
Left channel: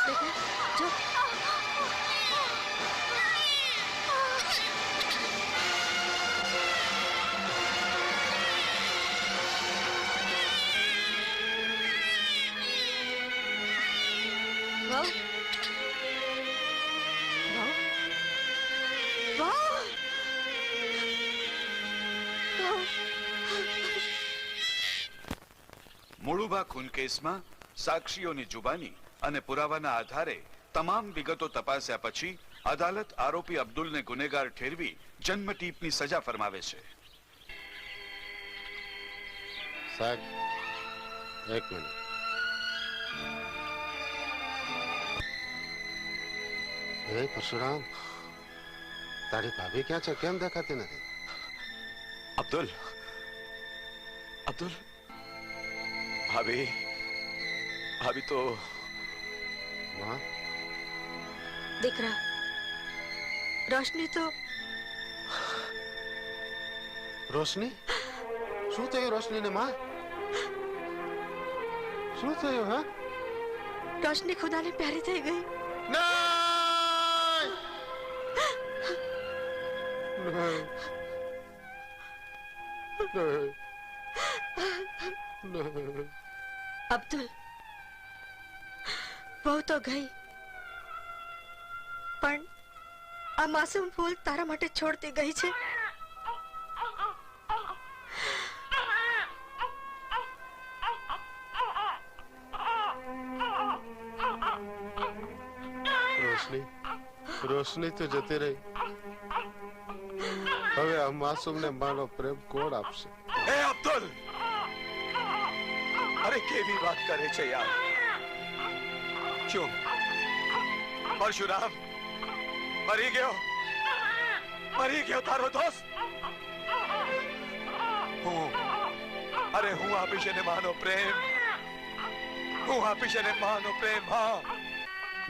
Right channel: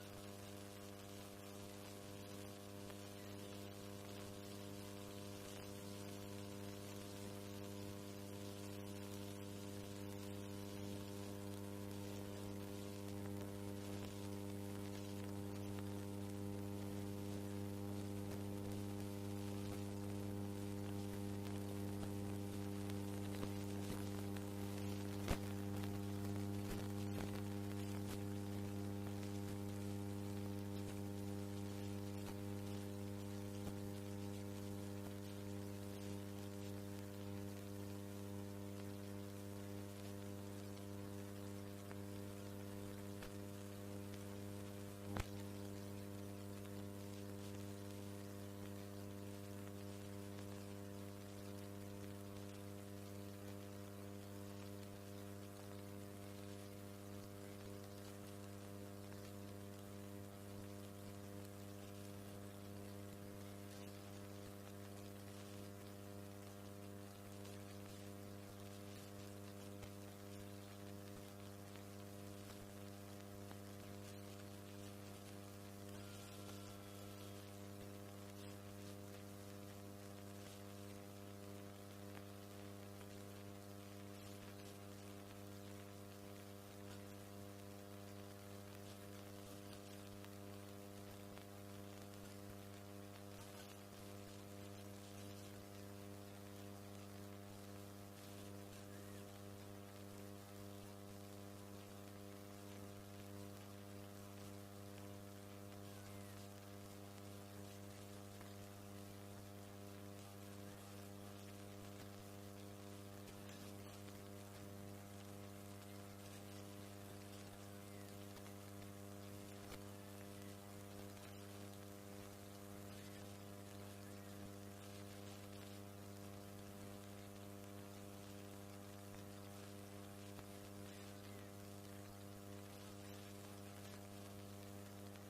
बेटा जो वाह वाह મોળુબા ખૂન કેસમાં સાક્ષીઓની જુબાની અને પુરાવાના આધારે તમામ વિગતો તપાસ્યા પછી અદાલત આરોપી અબ્દુલને ગુનેગાર ઠેરવી જન્મટીપની સજા ફરમાવે છે. સાહેબ એક મિનિટ. હે પરશુરામ, તારી ભાભી ક્યાં છે? કેમ દેખાતી નથી? અબ્દુલ અબ્દુલ ભાભી ભાભી તો દીકરા રોશની તો રોશની? શું થયું રોશનીને માં? શું થયું? હા, રોશની ખુદાને પ્યારી થઈ ગઈ. અબ્દુલ બહુ તો ગઈ, પણ આ માસૂમ ફૂલ તારા માટે છોડતી ગઈ છે. રોશની રોશની તો જતી રહી. હવે આ માસૂમને માનો પ્રેમ કોણ આપશે? એ અબ્દુલ, અરે કેવી વાત કરે છે યાર. શું પરશુરામ મરી ગયો તારો દોસ્ત? હું આપીશ એને માનો પ્રેમ. હું આપીશ એને માનો પ્રેમ. હા,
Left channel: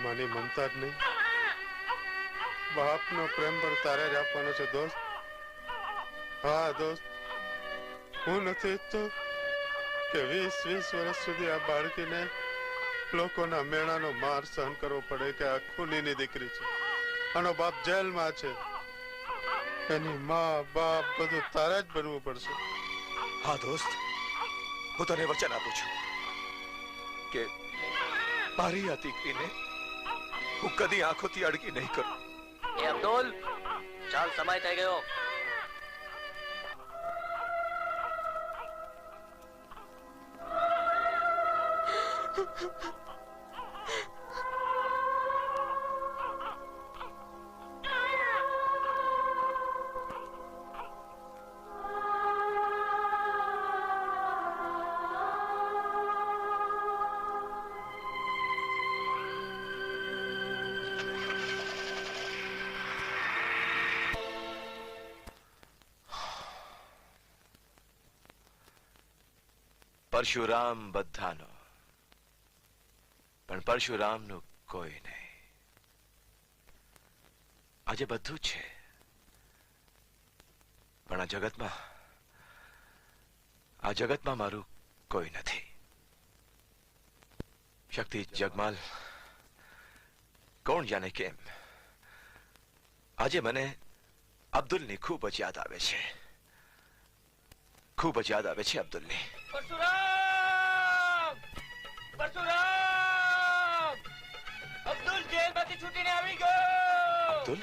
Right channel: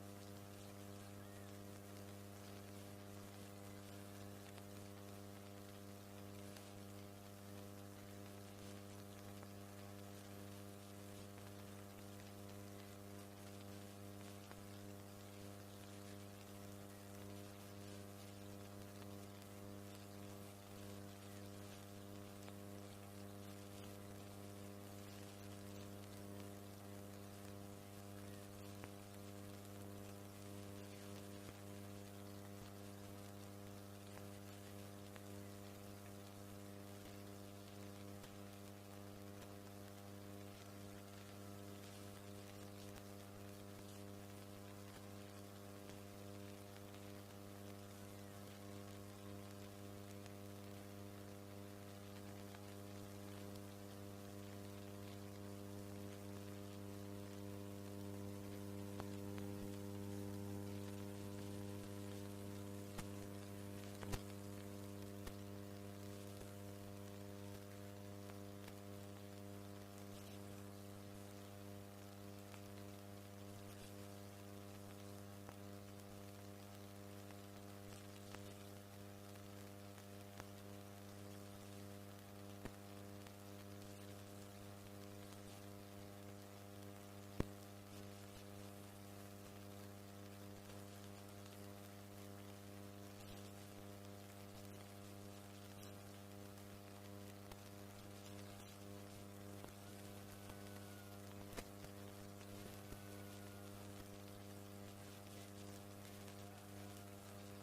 માની મમતા જ નહીં, બાપનો પ્રેમ પણ તારે જ આપવાનો છે દોસ્ત. હા દોસ્ત, હું નથી ઈચ્છતો કે 20 વર્ષ સુધી આ બાળકીને લોકોના મેણાનો માર સહન કરવો પડે કે આ ખૂનીની દીકરી છે, આનો બાપ જેલમાં છે, એની માં બાપ બધું તારે જ બનવું પડશે. હા દોસ્ત, હું તને વચન આપું છું કે મારી આ દીકરીને હું કદી આંખોથી અડકી નહીં કરું. એ અબ્દુલ, ચાલ સમય થઈ ગયો. પરશુરામ બધાનો, પણ પરશુરામનું કોઈ નહીં. આજે બધું જ છે, પણ આ જગતમાં મારું કોઈ નથી. શક્તિ, જગમાલ, કોણ જાણે કેમ આજે મને અબ્દુલની ખૂબ જ યાદ આવે છે. ખૂબ જ યાદ આવે છે અબ્દુલની. પરશુરામ! પરશુરામ! અબ્દુલ જેલમાંથી છૂટીને આવી ગયો. અબ્દુલ?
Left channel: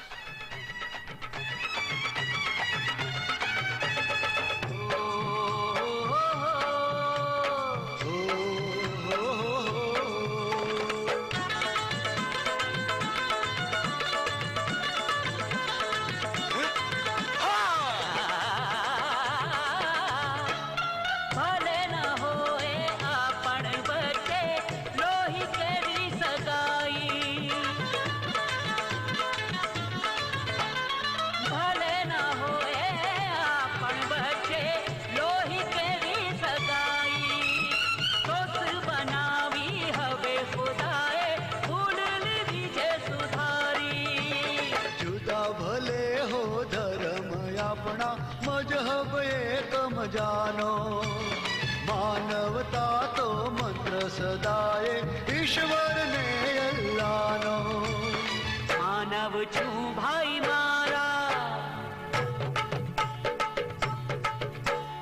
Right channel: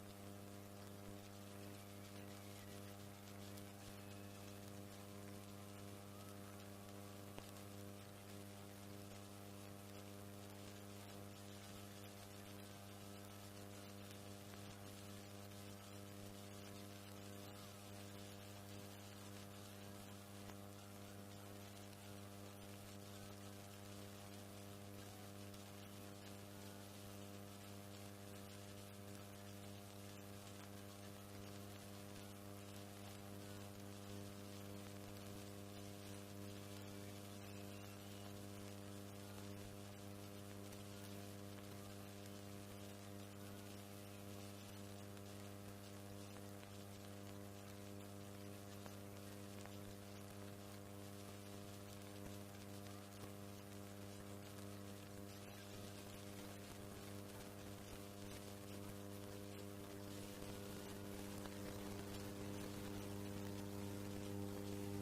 जानो मानवता तो मंत्र सदाए ईश्वर ने अल्लाह नो मानव छू भाई मारा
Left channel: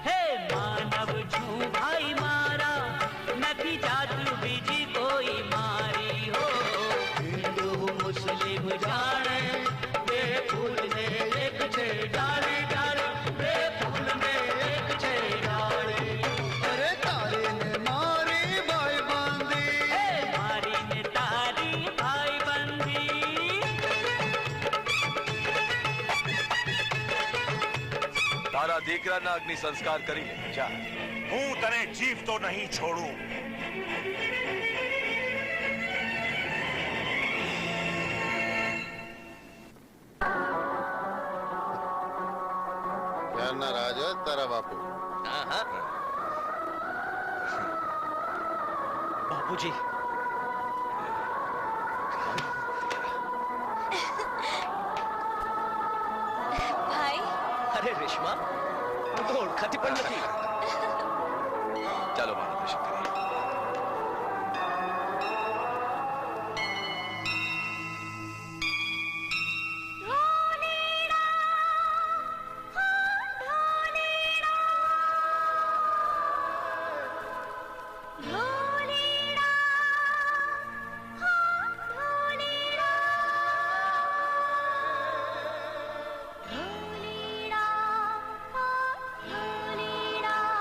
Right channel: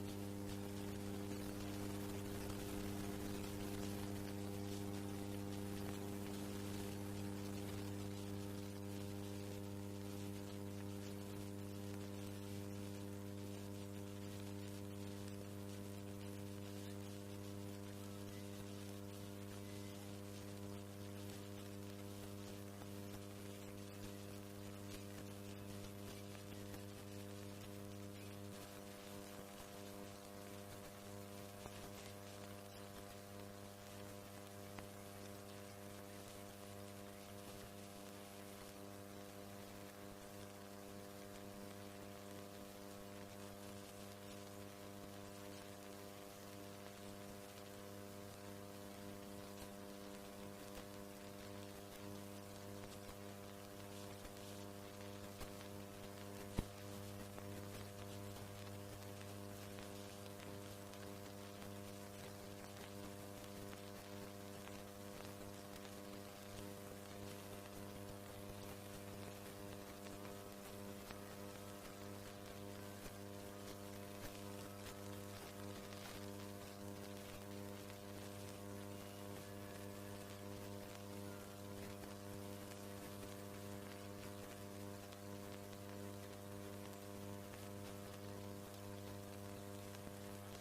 हे मानव छू भाई मारा नथी जात बीजी कोई मारी हो हिंदू मुस्लिम जाने बे फूल ने एक छे डाली डाली बे फूल ने તારા દીકરાના અગ્નિ સંસ્કાર કરી લે. જા. હું તને જીવતો નહીં છોડું. ત્યારના રાજ જ તારા બાપુ. બાપુજી, અરે રેશમા, હું તો ઓળખાતી પણ નથી. ચાલો મારા દર્શન કરીએ. ढोलीड़ा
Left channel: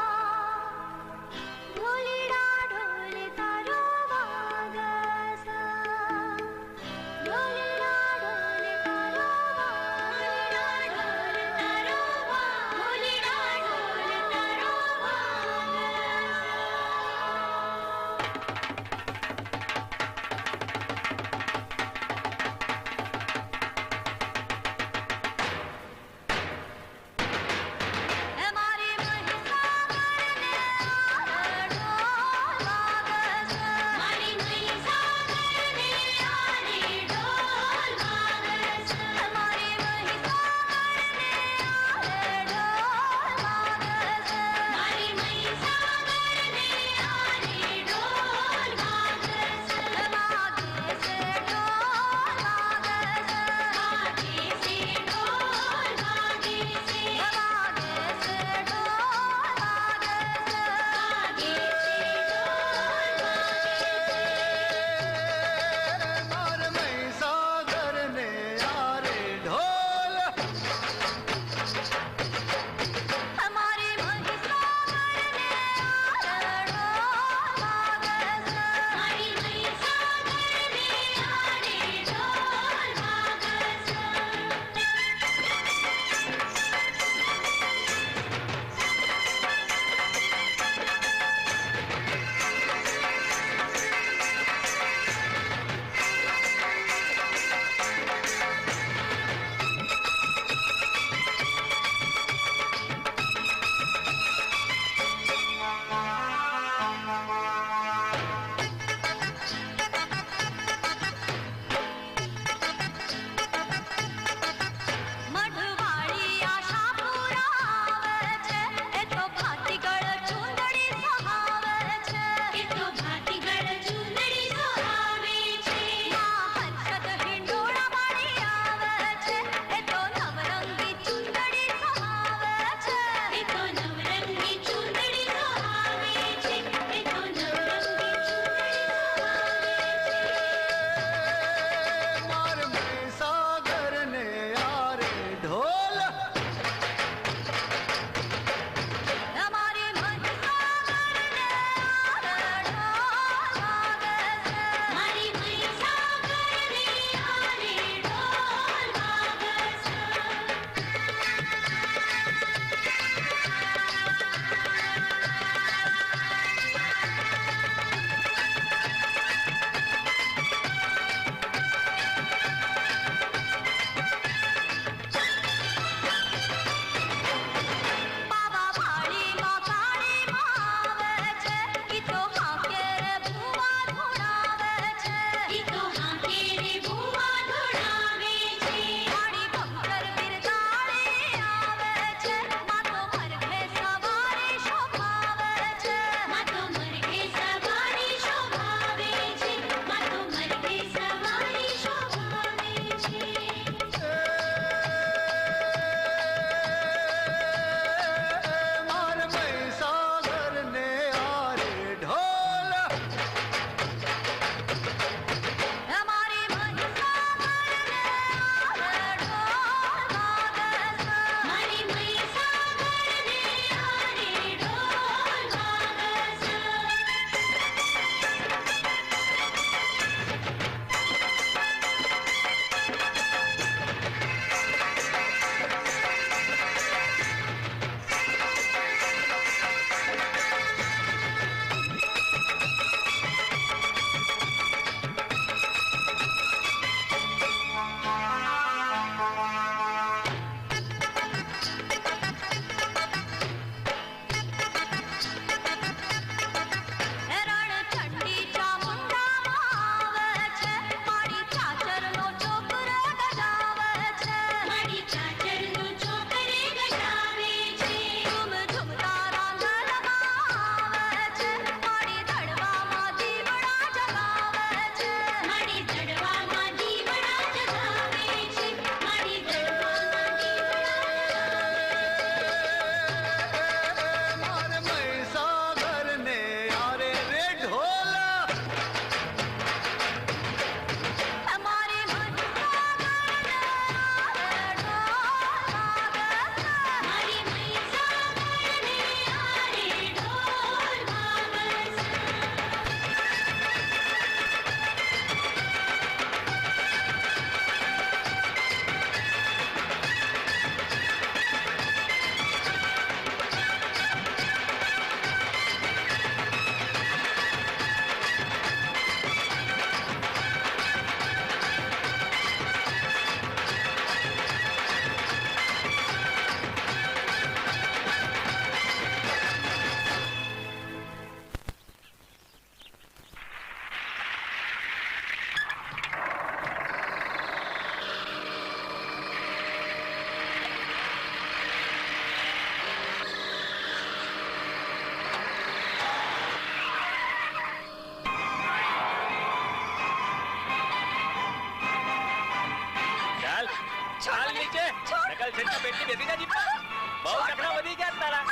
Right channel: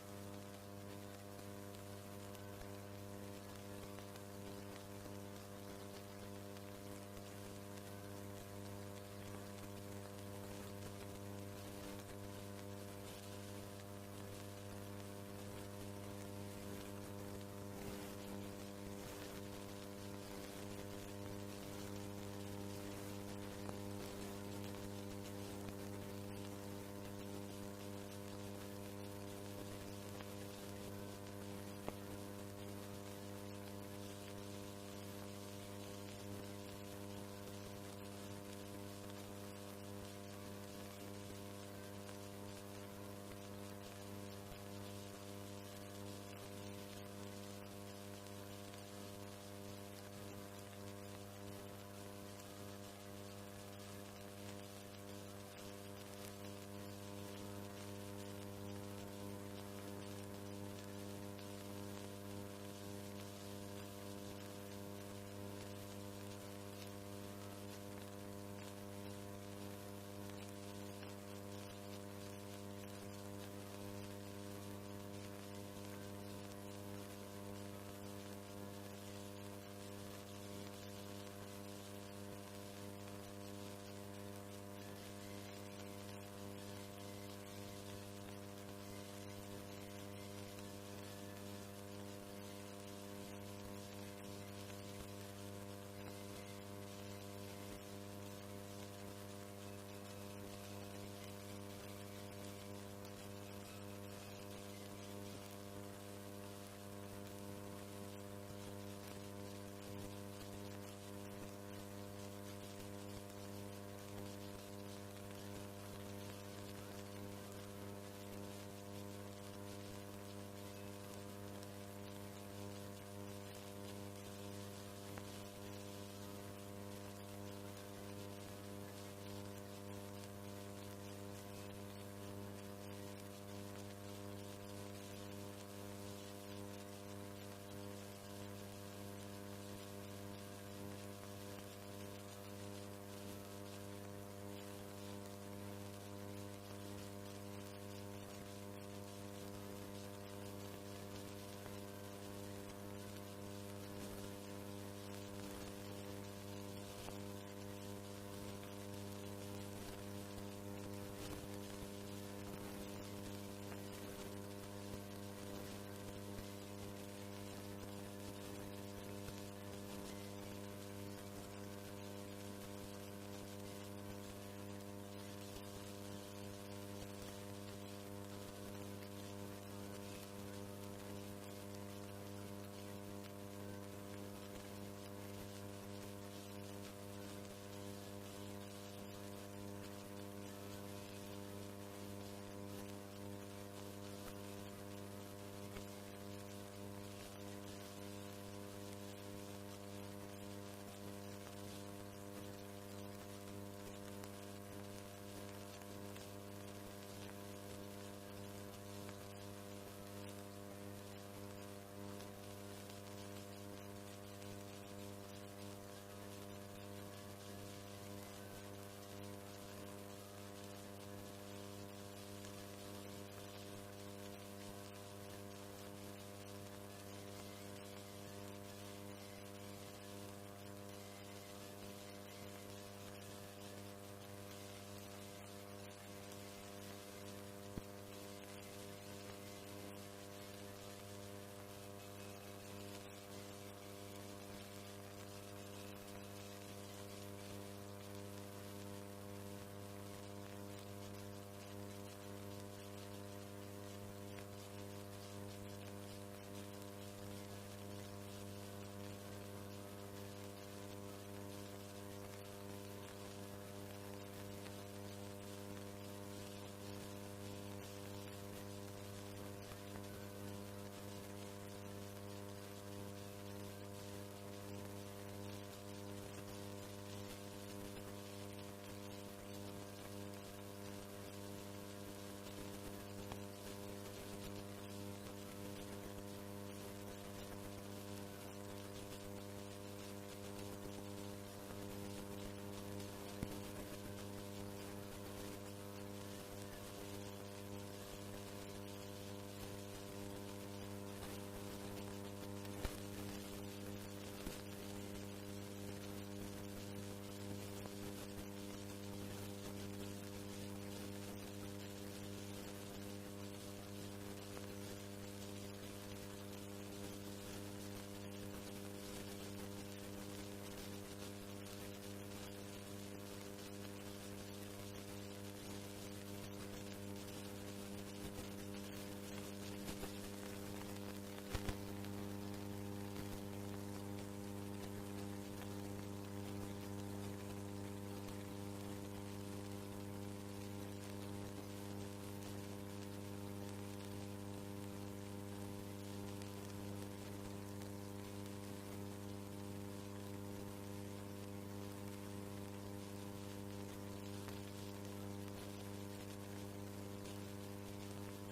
ચાલ નીચે નકલ છેટના પેટની બેસી જા જીપમાં બહુ ચકડા વધી ગયા તારા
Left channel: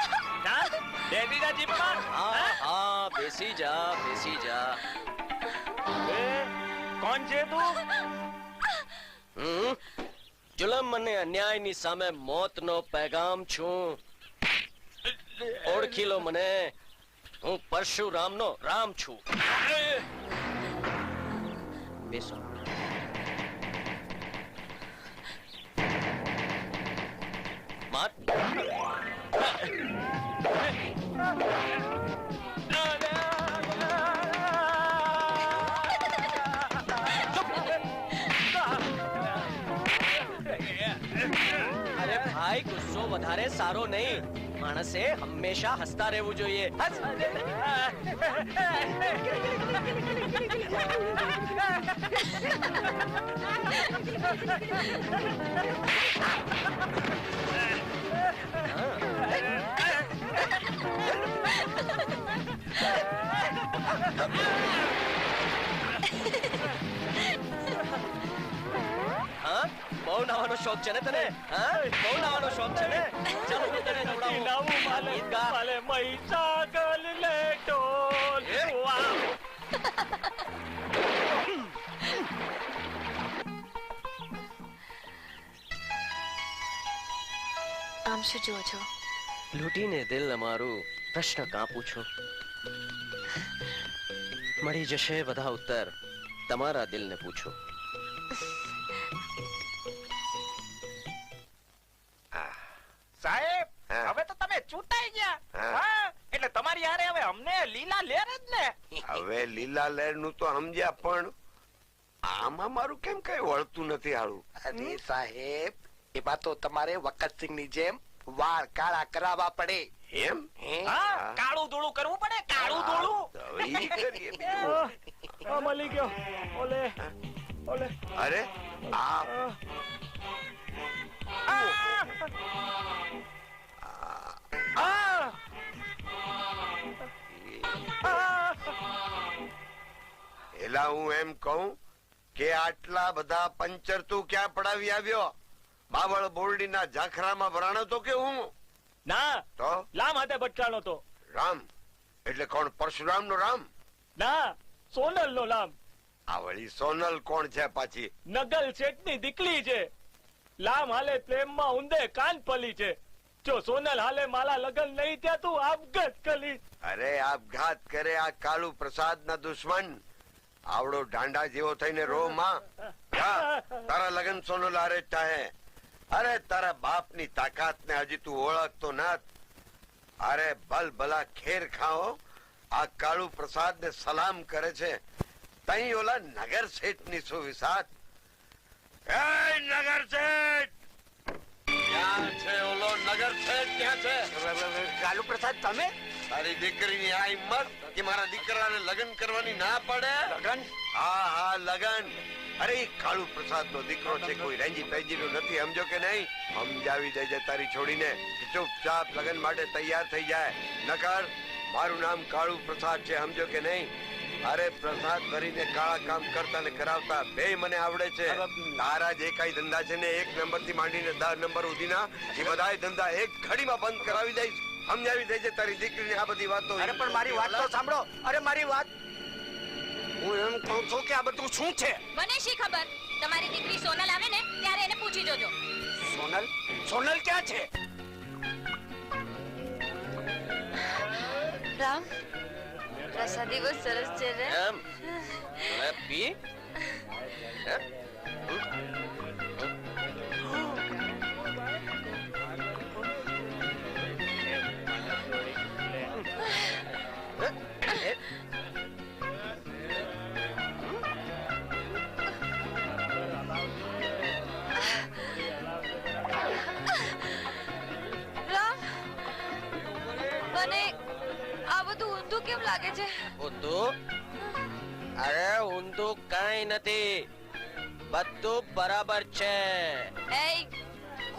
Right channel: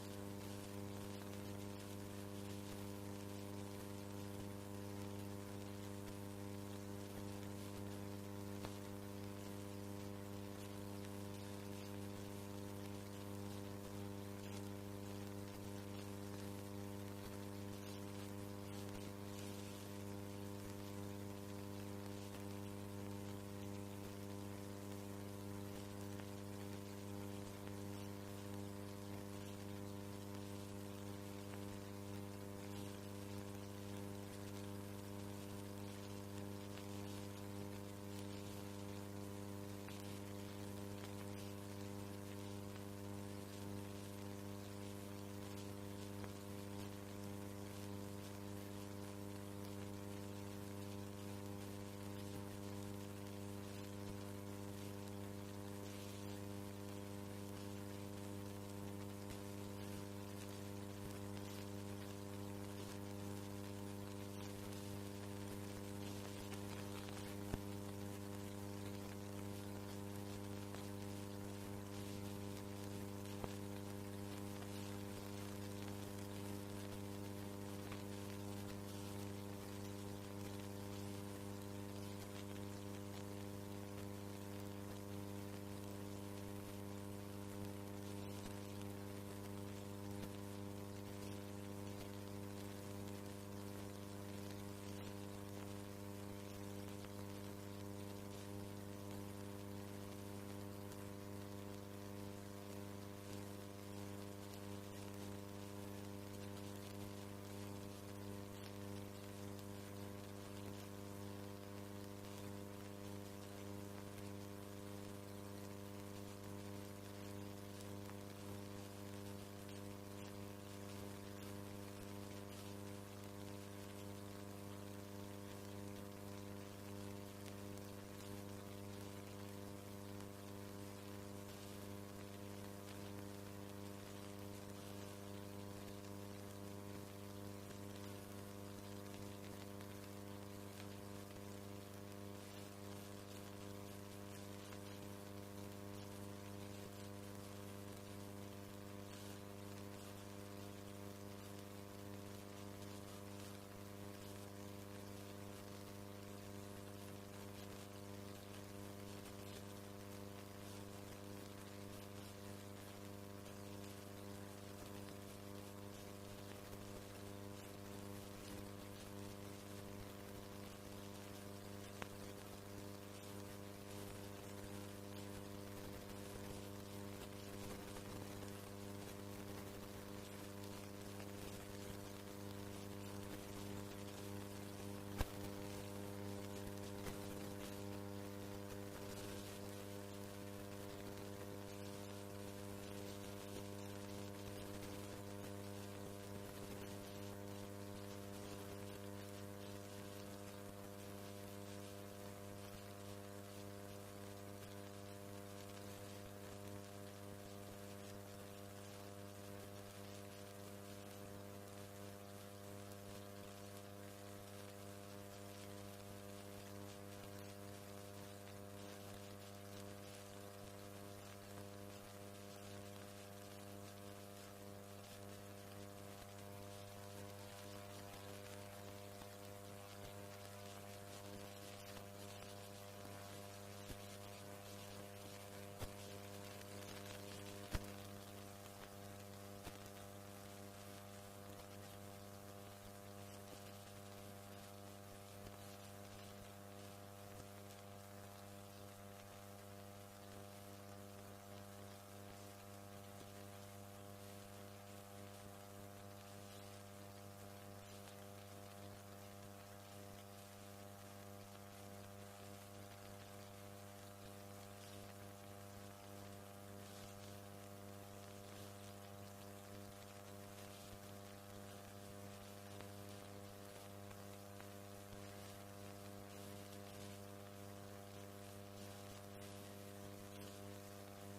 ચાલ બેસી જા જીપમાં હા બેસી જા એ કોણ છે તું જુલમ અને અન્યાયની સામે મોતનો પેગામ છું ઓળખી લો મને હું પરશુરામનો રામ છું બેસો માત અરે ભાઈ ગુસ્સો વધારે સારો નહીં માણસે હંમેશા હસતા રહેવું જોઈએ બહુ નાવાનો શોખ છે ને તને બહુ નાવાનો શોખ છે ને ચાલો હું તને જોડાવું માલે મહીસાગર લે ઢોલ આમ શું જો છો લૂંટીને દિલ અમારું પ્રશ્ન કાપું છું મળી જશે બધા ઉત્તર તમારા દિલને પૂછું સાહેબ હવે તો તમે ચૂંટાઈ ગયા એટલે તમારી હારે હવે અમને લીલા લેર જ ને હવે લીલા લહેર નું તો સમજ્યા પણ આમાં મારું કેમ કઈ વળતું નથી હારું અરે સાહેબ એમાં તો તમારે વખતસિંહ ની જેમ વાળ કાળા કરાવવા પડે એમ કાળું ધોળું કરવું પડે કાળું ધોળું મળી ગયો ઓલે ઓલે અરે આ એલા હું એમ કહું કે આટલા બધા પંચર તું ક્યાં પડાવી આવ્યો બાવળ બોરડી ના ઝાખરામાં ભરાણો તો કે હું ના તો લામ હાથે ભટકાણો તો રામ એટલે કોણ પરશુરામ નો રામ ના સોનલ નો લામ આ વળી સોનલ કોણ છે પાછી નગલ શેઠ ની દીકરી છે લામ હાલે પ્રેમમાં ઊંધે કાન પલી છે જો સોનલ હાલે માલા લગન નહીં ત્યાં તું આપઘાત કરી અરે આપઘાત કરે આ કાળુ પ્રસાદ ના દુશ્મન આવડો ઢાંડા જેવો થઈને રો માં તારા લગન સોનલ હારે જ થાય અરે તારા બાપ ની તાકાત ને હજી તું ઓળખતો નથ અરે ભલ ભલા ખેર ખાઓ આ કાળુ પ્રસાદ ને સલામ કરે છે તઈ ઓલા નગર શેઠ ની સુવિસાત એ નગર શેઠ ક્યાં છે ઓલો નગર શેઠ ક્યાં છે કાલુ પ્રસાદ તમે તારી દીકરીની આ હિંમત કે મારા દીકરાને લગ્ન કરવાની ના પડે લગ્ન હા લગ્ન અરે ઈ કાળુ પ્રસાદ નો દીકરો છે, કોઈ રેંજી પેજી નો નથી, સમજો કે નહીં? સમજાવી દેજે તારી છોડીને ચૂપચાપ લગ્ન માટે તૈયાર થઈ જાય, નકર મારું નામ કાળુ પ્રસાદ છે, સમજો કે નહીં? અરે પ્રસાદ ભરીને કાળા કામ કરતા ને કરાવતા બે મને આવડે છે. તારા જે કઈ ધંધા છે ને 1 નંબર થી માંડીને 10 નંબર સુધીના એ બધાય ધંધા એક ઘડીમાં બંધ કરાવી દઈશ. સમજાવી દેજે તારી દીકરીને આ બધી વાતો. અરે પણ મારી વાત તો સાંભળો. અરે મારી વાત, હું એમ કહું છું કે આ બધું શું છે? મને શી ખબર? તમારી દીકરી સોનલ આવે ને ત્યારે એને પૂછી જોજો. સોનલ? સોનલ ક્યાં છે? રામ, પ્રસાદી બહુ સરસ છે રે. એમ હવે પી. રામ, મને આ બધું ઊંધું કેમ લાગે છે? ઊંધું? અરે ઊંધું કઈ નથી, બધું બરાબર છે. એય,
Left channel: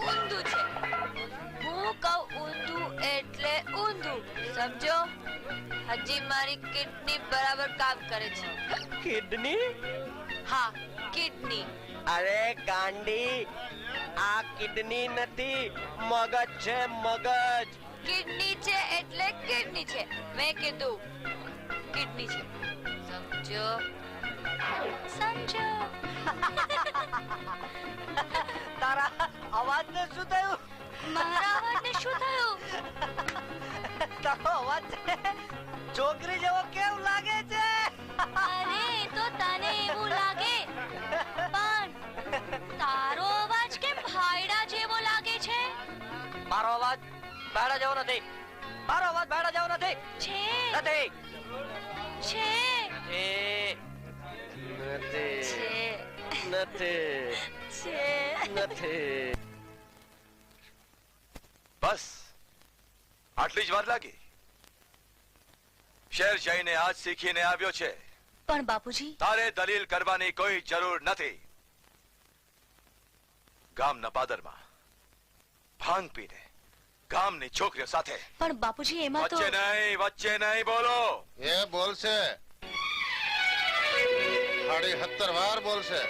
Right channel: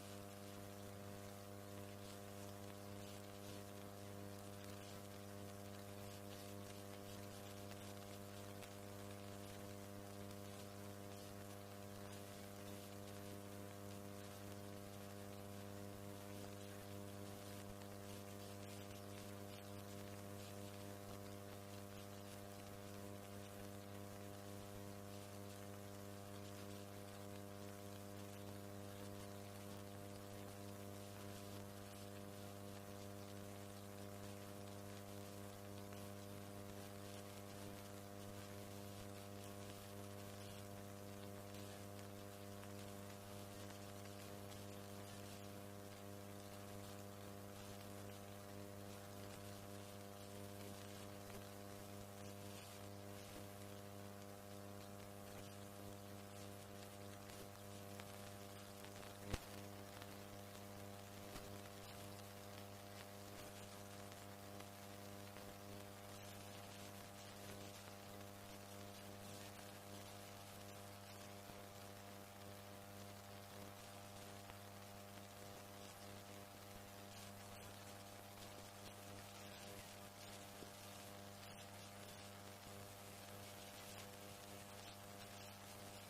ઊંધું છે. હું કહું ઊંધું એટલે ઊંધું, સમજો? હજી મારી કિડની બરાબર કામ કરે છે. કિડની? હા, કિડની. અરે ગાંડી, આ કિડની નથી, મગજ છે, મગજ. કિડની છે એટલે કિડની છે. મેં કીધું કિડની છે, સમજો? સમજો? તારા અવાજને શું થયું? મારા અવાજને શું થયું? તારો અવાજ છોકરી જેવો કેમ લાગે છે? અરે તો તને એવું લાગે, પણ તારો અવાજ કેમ ભાયડા જેવો લાગે છે? મારો અવાજ ભાડા જેવો નથી. મારો અવાજ ભાડા જેવો નથી. છે. નથી. છે. નથી. નથી. બસ આટલી જ વાર લાગી? શહેર જઈને આજ શીખીને આવ્યો છે. પણ બાપુજી, તારે દલીલ કરવાની કોઈ જરૂર નથી. ગામના પાદરમાં ભાંગ પીને ગામની છોકરીઓ સાથે. પણ બાપુજી એમાં તો વચ્ચે નહીં બોલો. એ બોલશે, 17 વાર બોલશે.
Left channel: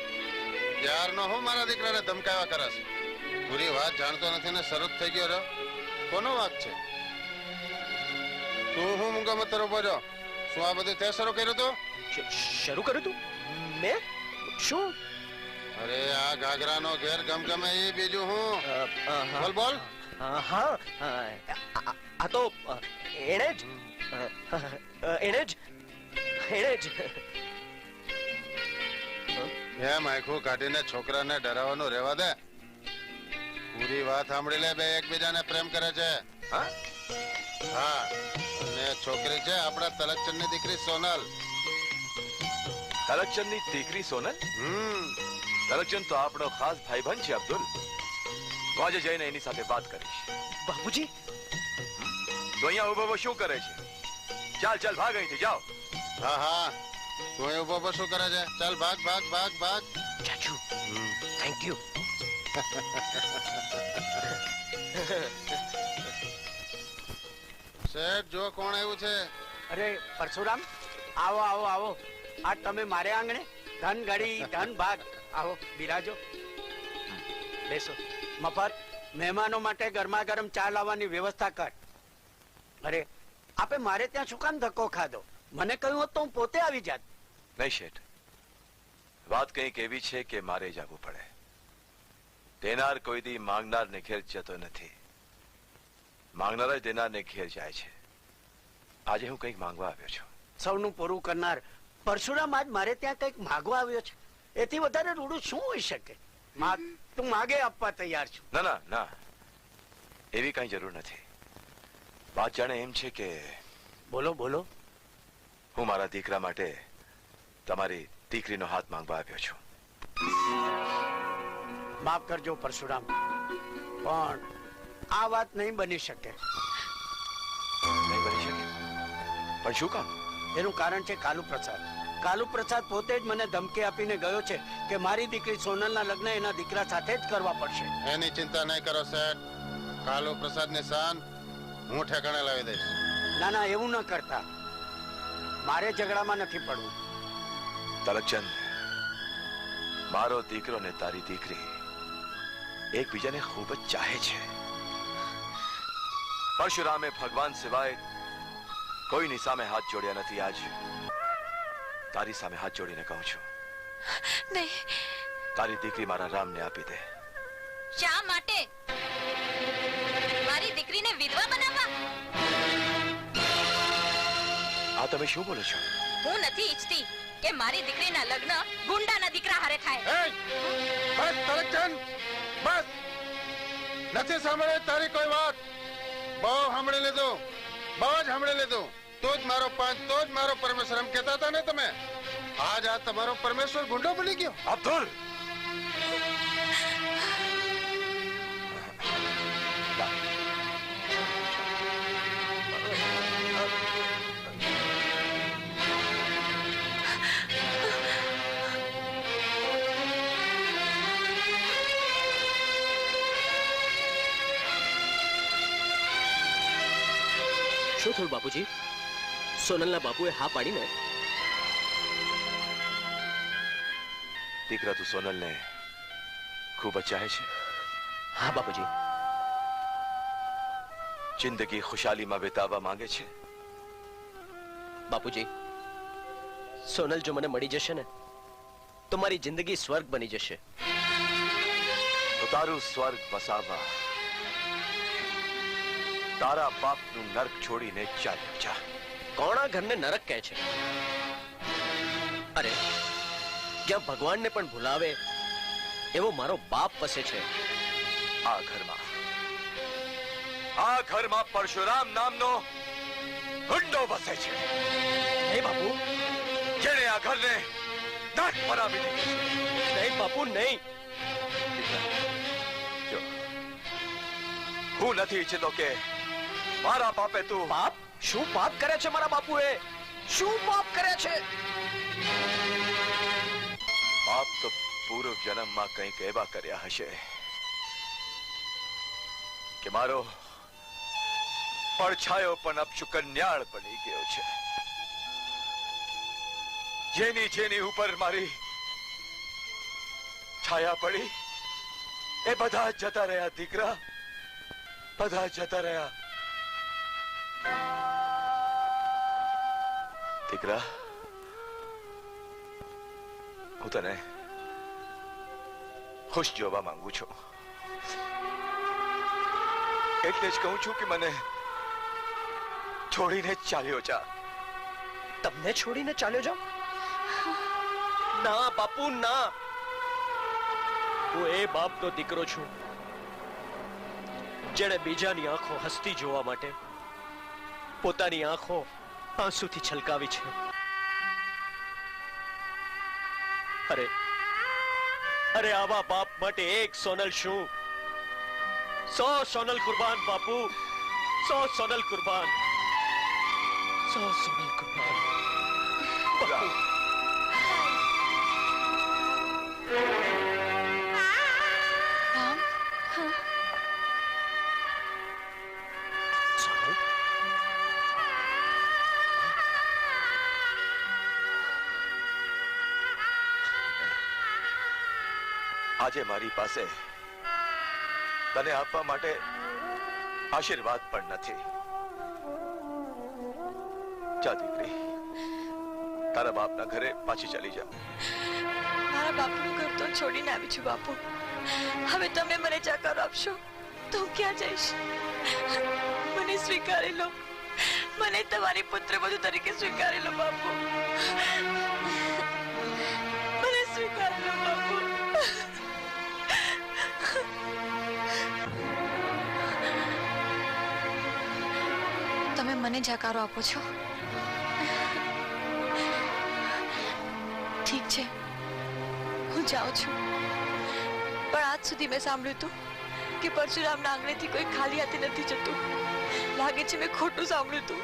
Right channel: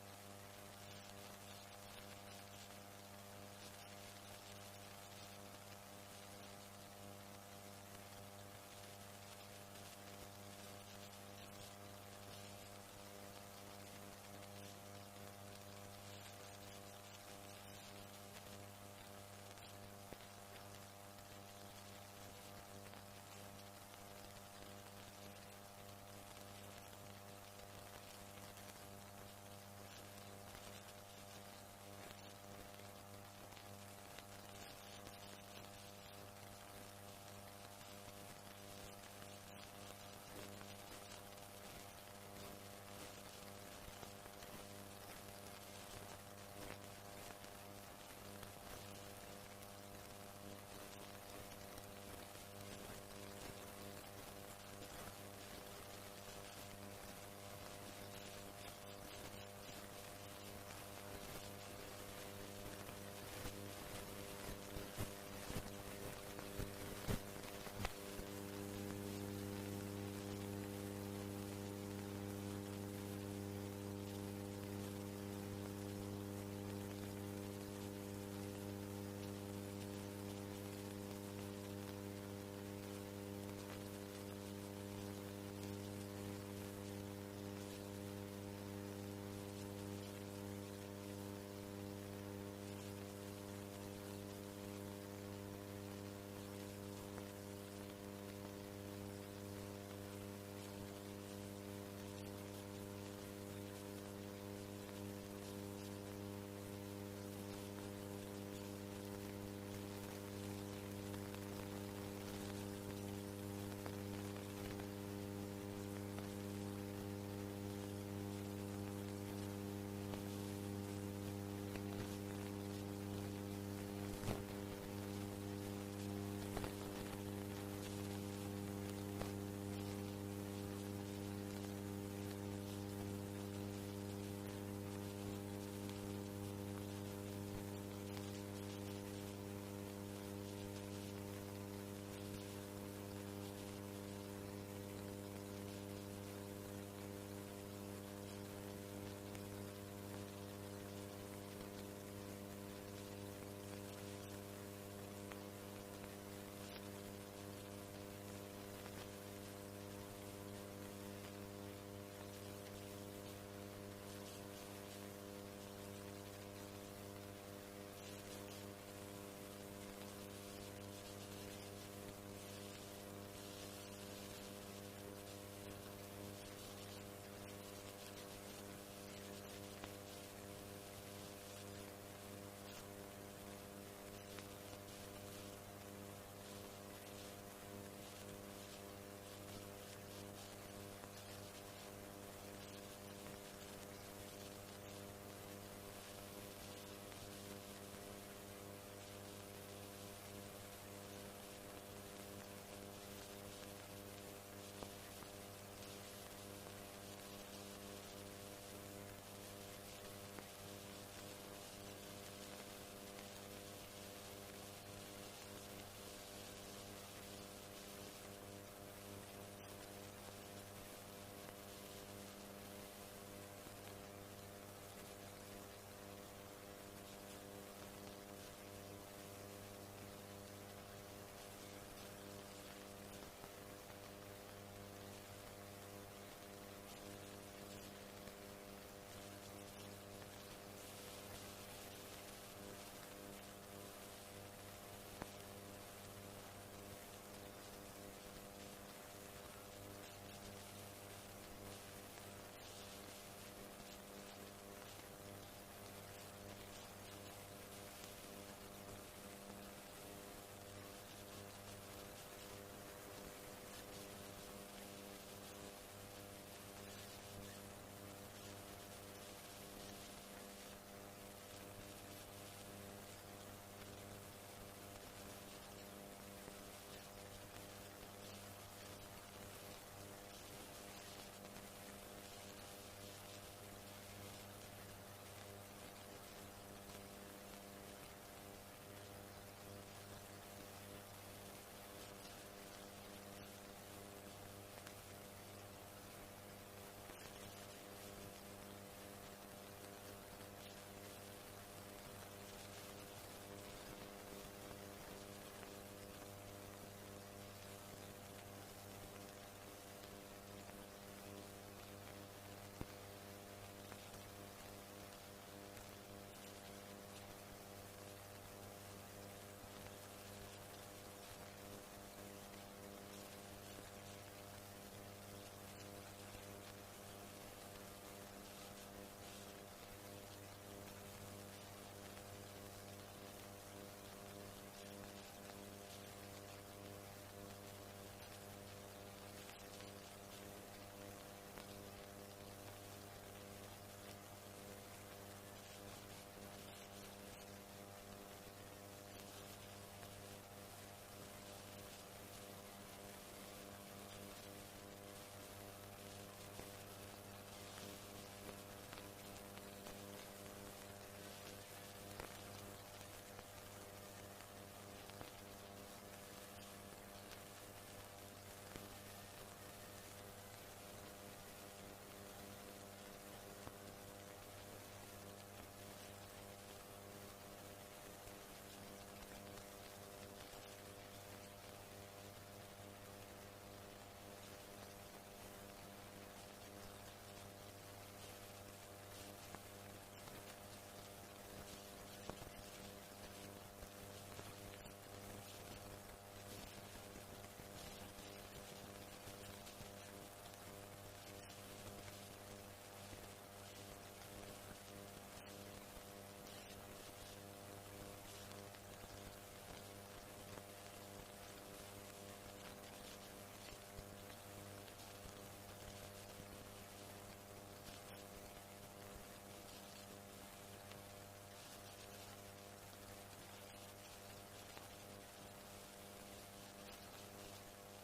ત્યારનો હું મારા દીકરાને ધમકાવ્યા કરસ? પૂરી વાત જાણતો નથી ને શરૂ થઈ ગયો રહ્યો. કોનો વાંક છે? તું હું મૂંગા મત ઉભો છો? શું આ બધું તે શરૂ કર્યું તું? શરૂ કર્યું તું મેં? શું? અરે આ ઘાઘરાનો ઘેર ગમગમે એ બીજું હું? બોલ બોલ. હા, આ તો એણે જ એમ આખું કાઢીને છોકરાને ડરાવવાનું રહેવા દે. પૂરી વાત સાંભળી લે. બે એકબીજાને પ્રેમ કરે છે. હા, અને છોકરી છે આપણા તલકચંદની દીકરી સોનલ. તલકચંદની દીકરી સોનલ? તલકચંદ તો આપણો ખાસ ભાઈબંધ છે અબ્દુલ. તો આજે જઈને એની સાથે વાત કરીશ. બાપુજી, તો અહીંયા ઉભો શું કરે છે? ચાલ ચાલ ભાગ અહીંથી, જાઓ. હા હા, તું ઉભો ઉભો શું કરે છે? ચાલ ભાગ ભાગ ભાગ ભાગ. ચાચુ, થેન્ક યુ. શેઠ જો કોણ આવ્યું છે? અરે પરશુરામ, આવો આવો આવો. આ તમે મારે આંગણે ધન ગળી ધન ભાગ. આવો બિરાજો, બેસો. મફત મહેમાનો માટે ગરમા ગરમ ચા લાવવાની વ્યવસ્થા કર. અરે આપે મારે ત્યાં શું કામ ધક્કો ખાધો? મને કહ્યું હોત તો હું પોતે આવી જાત. નહીં શેઠ, વાત કંઈક એવી છે કે મારે જવું પડે. દેનાર કોઈ દી માંગનારને ઘેર જતો નથી, માંગનાર જ દેનારને ઘેર જાય છે. આજે હું કંઈક માંગવા આવ્યો છું. સૌનું પૂરું કરનાર પરશુરામ આજ મારે ત્યાં કંઈક માગવા આવ્યો છે. એથી વધારે રૂડું શું હોઈ શકે? માગ, તું માગે આપવા તૈયાર છું. ના ના ના, એવી કઈ જરૂર નથી. વાત જાણે એમ છે કે બોલો બોલો. હું મારા દીકરા માટે તમારી દીકરીનો હાથ માંગવા આવ્યો છું. માફ કરજો પરશુરામ, પણ આ વાત નહીં બની શકે. નહીં બની શકે? પણ શું કામ? એનું કારણ છે કાલુ પ્રસાદ. કાલુ પ્રસાદ પોતે જ મને ધમકી આપીને ગયો છે કે મારી દીકરી સોનલના લગ્ન એના દીકરા સાથે જ કરવા પડશે. એની ચિંતા નહીં કરો શેઠ. કાલુ પ્રસાદની શાન હું ઠેકાણે લાવી દઈશ. ના ના, એવું ન કરતા. મારે ઝઘડામાં નથી પડવું. તલકચંદ, મારો દીકરો ને તારી દીકરી એકબીજાને ખૂબ જ ચાહે છે. પરશુરામે ભગવાન સિવાય કોઈની સામે હાથ જોડ્યા નથી. આજ તારી સામે હાથ જોડીને કહું છું, નહીં, તારી દીકરી મારા રામને આપી દે. શા માટે? મારી દીકરીને વિધવા બનાવવા? આ તમે શું બોલો છો? હું નથી ઈચ્છતી કે મારી દીકરીના લગ્ન ગુંડાના દીકરા હારે થાય. બસ તલકચંદ, બસ. નથી સાંભળે તારી કોઈ વાત. બહુ સાંભળી લીધું, બહુ જ સાંભળી લીધું. તો જ મારો પાંચ, તો જ મારો પરમેશ્વર એમ કહેતા હતા ને તમે. આજ આ તમારો પરમેશ્વર ગુંડો બની ગયો. અબ્દુલ, શું થયું બાપુજી? સોનલના બાપુએ હા પાડીને? દીકરા તું સોનલને ખૂબ જ ચાહે છે? હા બાપુજી. જિંદગી ખુશાલીમાં વિતાવવા માંગે છે? બાપુજી, સોનલ જો મને મળી જશે ને તો મારી જિંદગી સ્વર્ગ બની જશે. તો તારું સ્વર્ગ વસાવવા તારા બાપનું નરક છોડીને ચાલ્યો જા. કોણ આ ઘરને નરક કહે છે? અરે, જ્યાં ભગવાનને પણ ભૂલાવે એવો મારો બાપ વસે છે. આ ઘરમાં પરશુરામ નામનો ગુંડો વસે છે. હે બાપુ, જેણે આ ઘરને નાક બનાવી દીધું. નહીં બાપુ, નહીં. જો, હું નથી ઈચ્છતો કે મારા બાપે તું પાપ? શું પાપ કરે છે મારા બાપુએ? શું પાપ કરે છે? બાપ તો પૂર્વ જન્મમાં કંઈક એવા કર્યા હશે કે મારો પડછાયો પણ અપશુકન્યાળ બની ગયો છે. જેની જેની ઉપર મારી છાયા પડી એ બધા જતા રહ્યા દીકરા, બધા જતા રહ્યા. દીકરા, હું તને ખુશ જોવા માંગુ છું. એટલે જ કહું છું કે મને છોડીને ચાલ્યો જા. તમને છોડીને ચાલ્યો જાઉં? ના બાપુ, ના. હું એ બાપનો દીકરો છું જેણે બીજાની આંખો હસતી જોવા માટે પોતાની આંખો આંસુથી છલકાવી છે. અરે અરે, આવા બાપ માટે એક સોનલ શું, 100 સોનલ કુરબાન બાપુ, 100 સોનલ કુરબાન, 100 સોનલ કુરબાન. બાપુ, આજે મારી પાસે તને આપવા માટે આશીર્વાદ પણ નથી. જા દીકરી, તારા બાપના ઘરે પાછી ચાલી જા. મારા બાપુનું ઘર તો છોડીને આવી છું બાપુ. હવે તમે મને જાકાર આપશો તો હું ક્યાં જઈશ? મને સ્વીકારી લો, મને તમારી પુત્રવધુ તરીકે સ્વીકારી લો બાપુ. મને સ્વીકારી લો બાપુ. તમે મને જાકારો આપો છો? ઠીક છે, હું જાઉં છું. પણ આજ સુધી મેં સાંભળ્યું હતું કે પરશુરામના આંગણેથી કોઈ ખાલી હાથે નથી જતું. લાગે છે મેં ખોટું સાંભળ્યું હતું.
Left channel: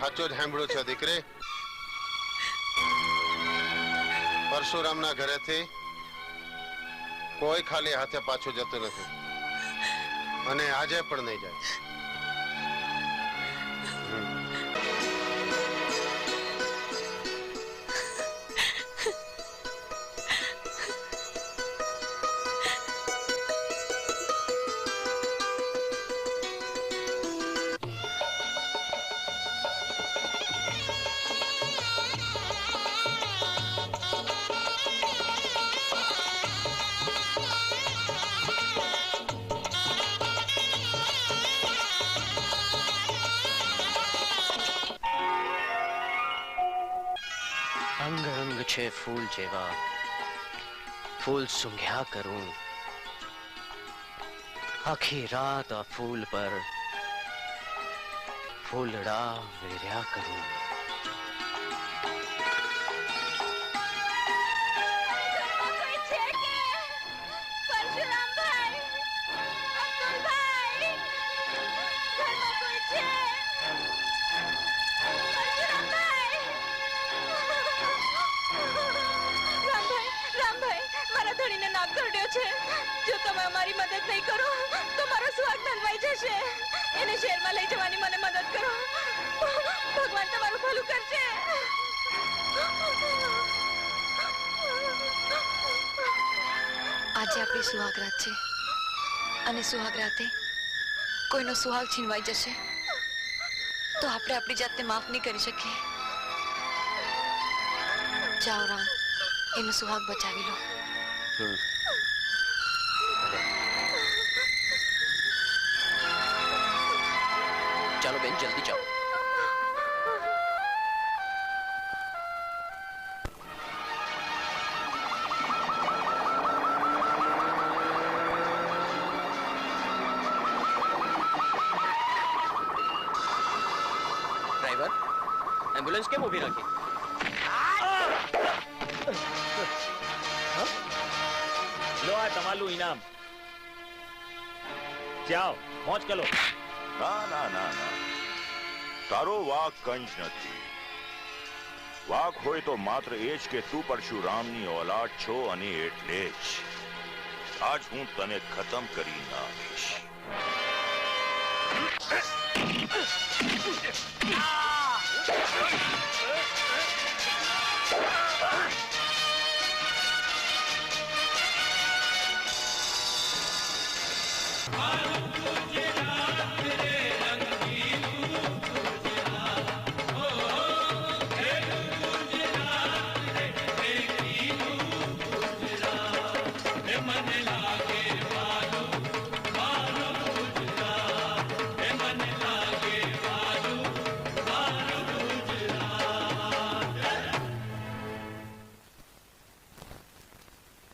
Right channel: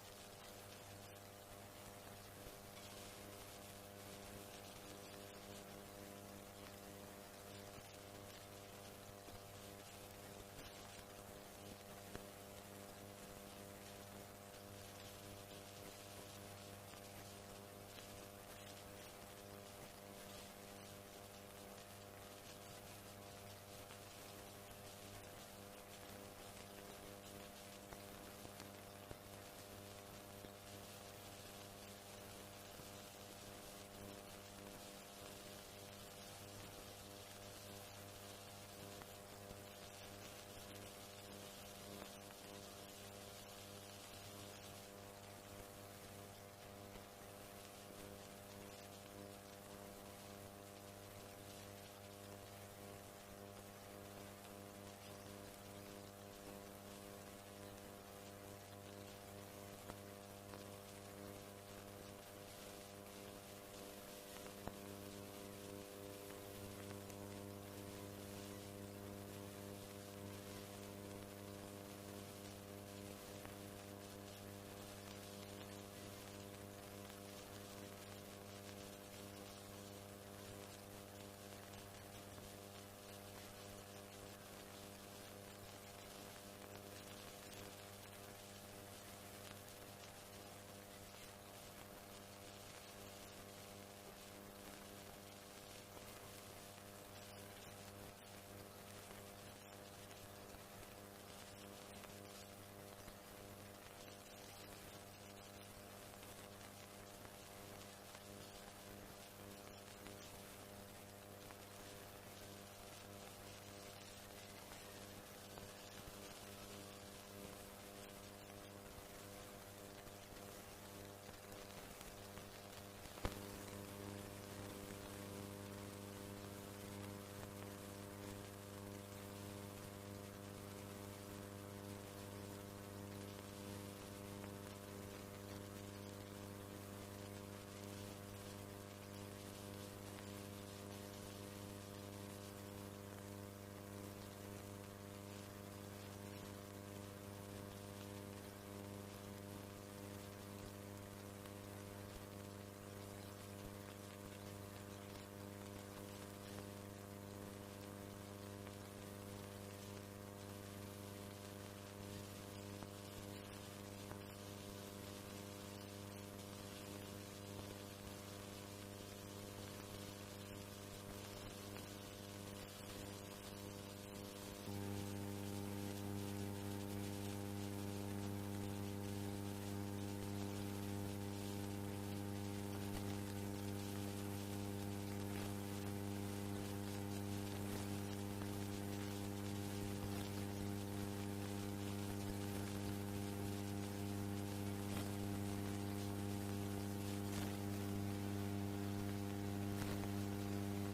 સાચું જ સાંભળ્યું છે દીકરી. પરશુરામના ઘરેથી કોઈ ખાલી હાથે પાછું જતું નથી અને આજે પણ નહીં જાય. અંગ અંગ છે ફૂલ જેવા, ફૂલ સૂંઘ્યા કરું, આખી રાત આ ફૂલ પર ફૂલડા વેર્યા કરું. જો તમે અમારી મદદ નહીં કરો તો મારો સુહાગ ધનવાઈ જશે. એને શહેરમાં લઈ જવાની મને મદદ કરો. ભગવાન તમારું ભલું કરશે. આજે આપણી સુહાગરાત છે અને સુહાગરાતે કોઈનો સુહાગ છીનવાઈ જશે તો આપણે આપણી જાતને માફ નહીં કરી શકીએ. જાઓ રામ, એનો સુહાગ બચાવી લો. ચાલો બેન, જલ્દી જાઓ. ડ્રાઈવર, એમ્બ્યુલન્સ કેમ ઊભી રાખી? લો આ તમારું ઇનામ. જાઓ, મોજ કરો. ના ના ના ના, તારો વાક કંઈ જ નથી. વાક હોય તો માત્ર એ જ કે તું પરશુરામની ઓલાદ છો અને એટલે જ આજ હું તને ખતમ કરી નાખીશ.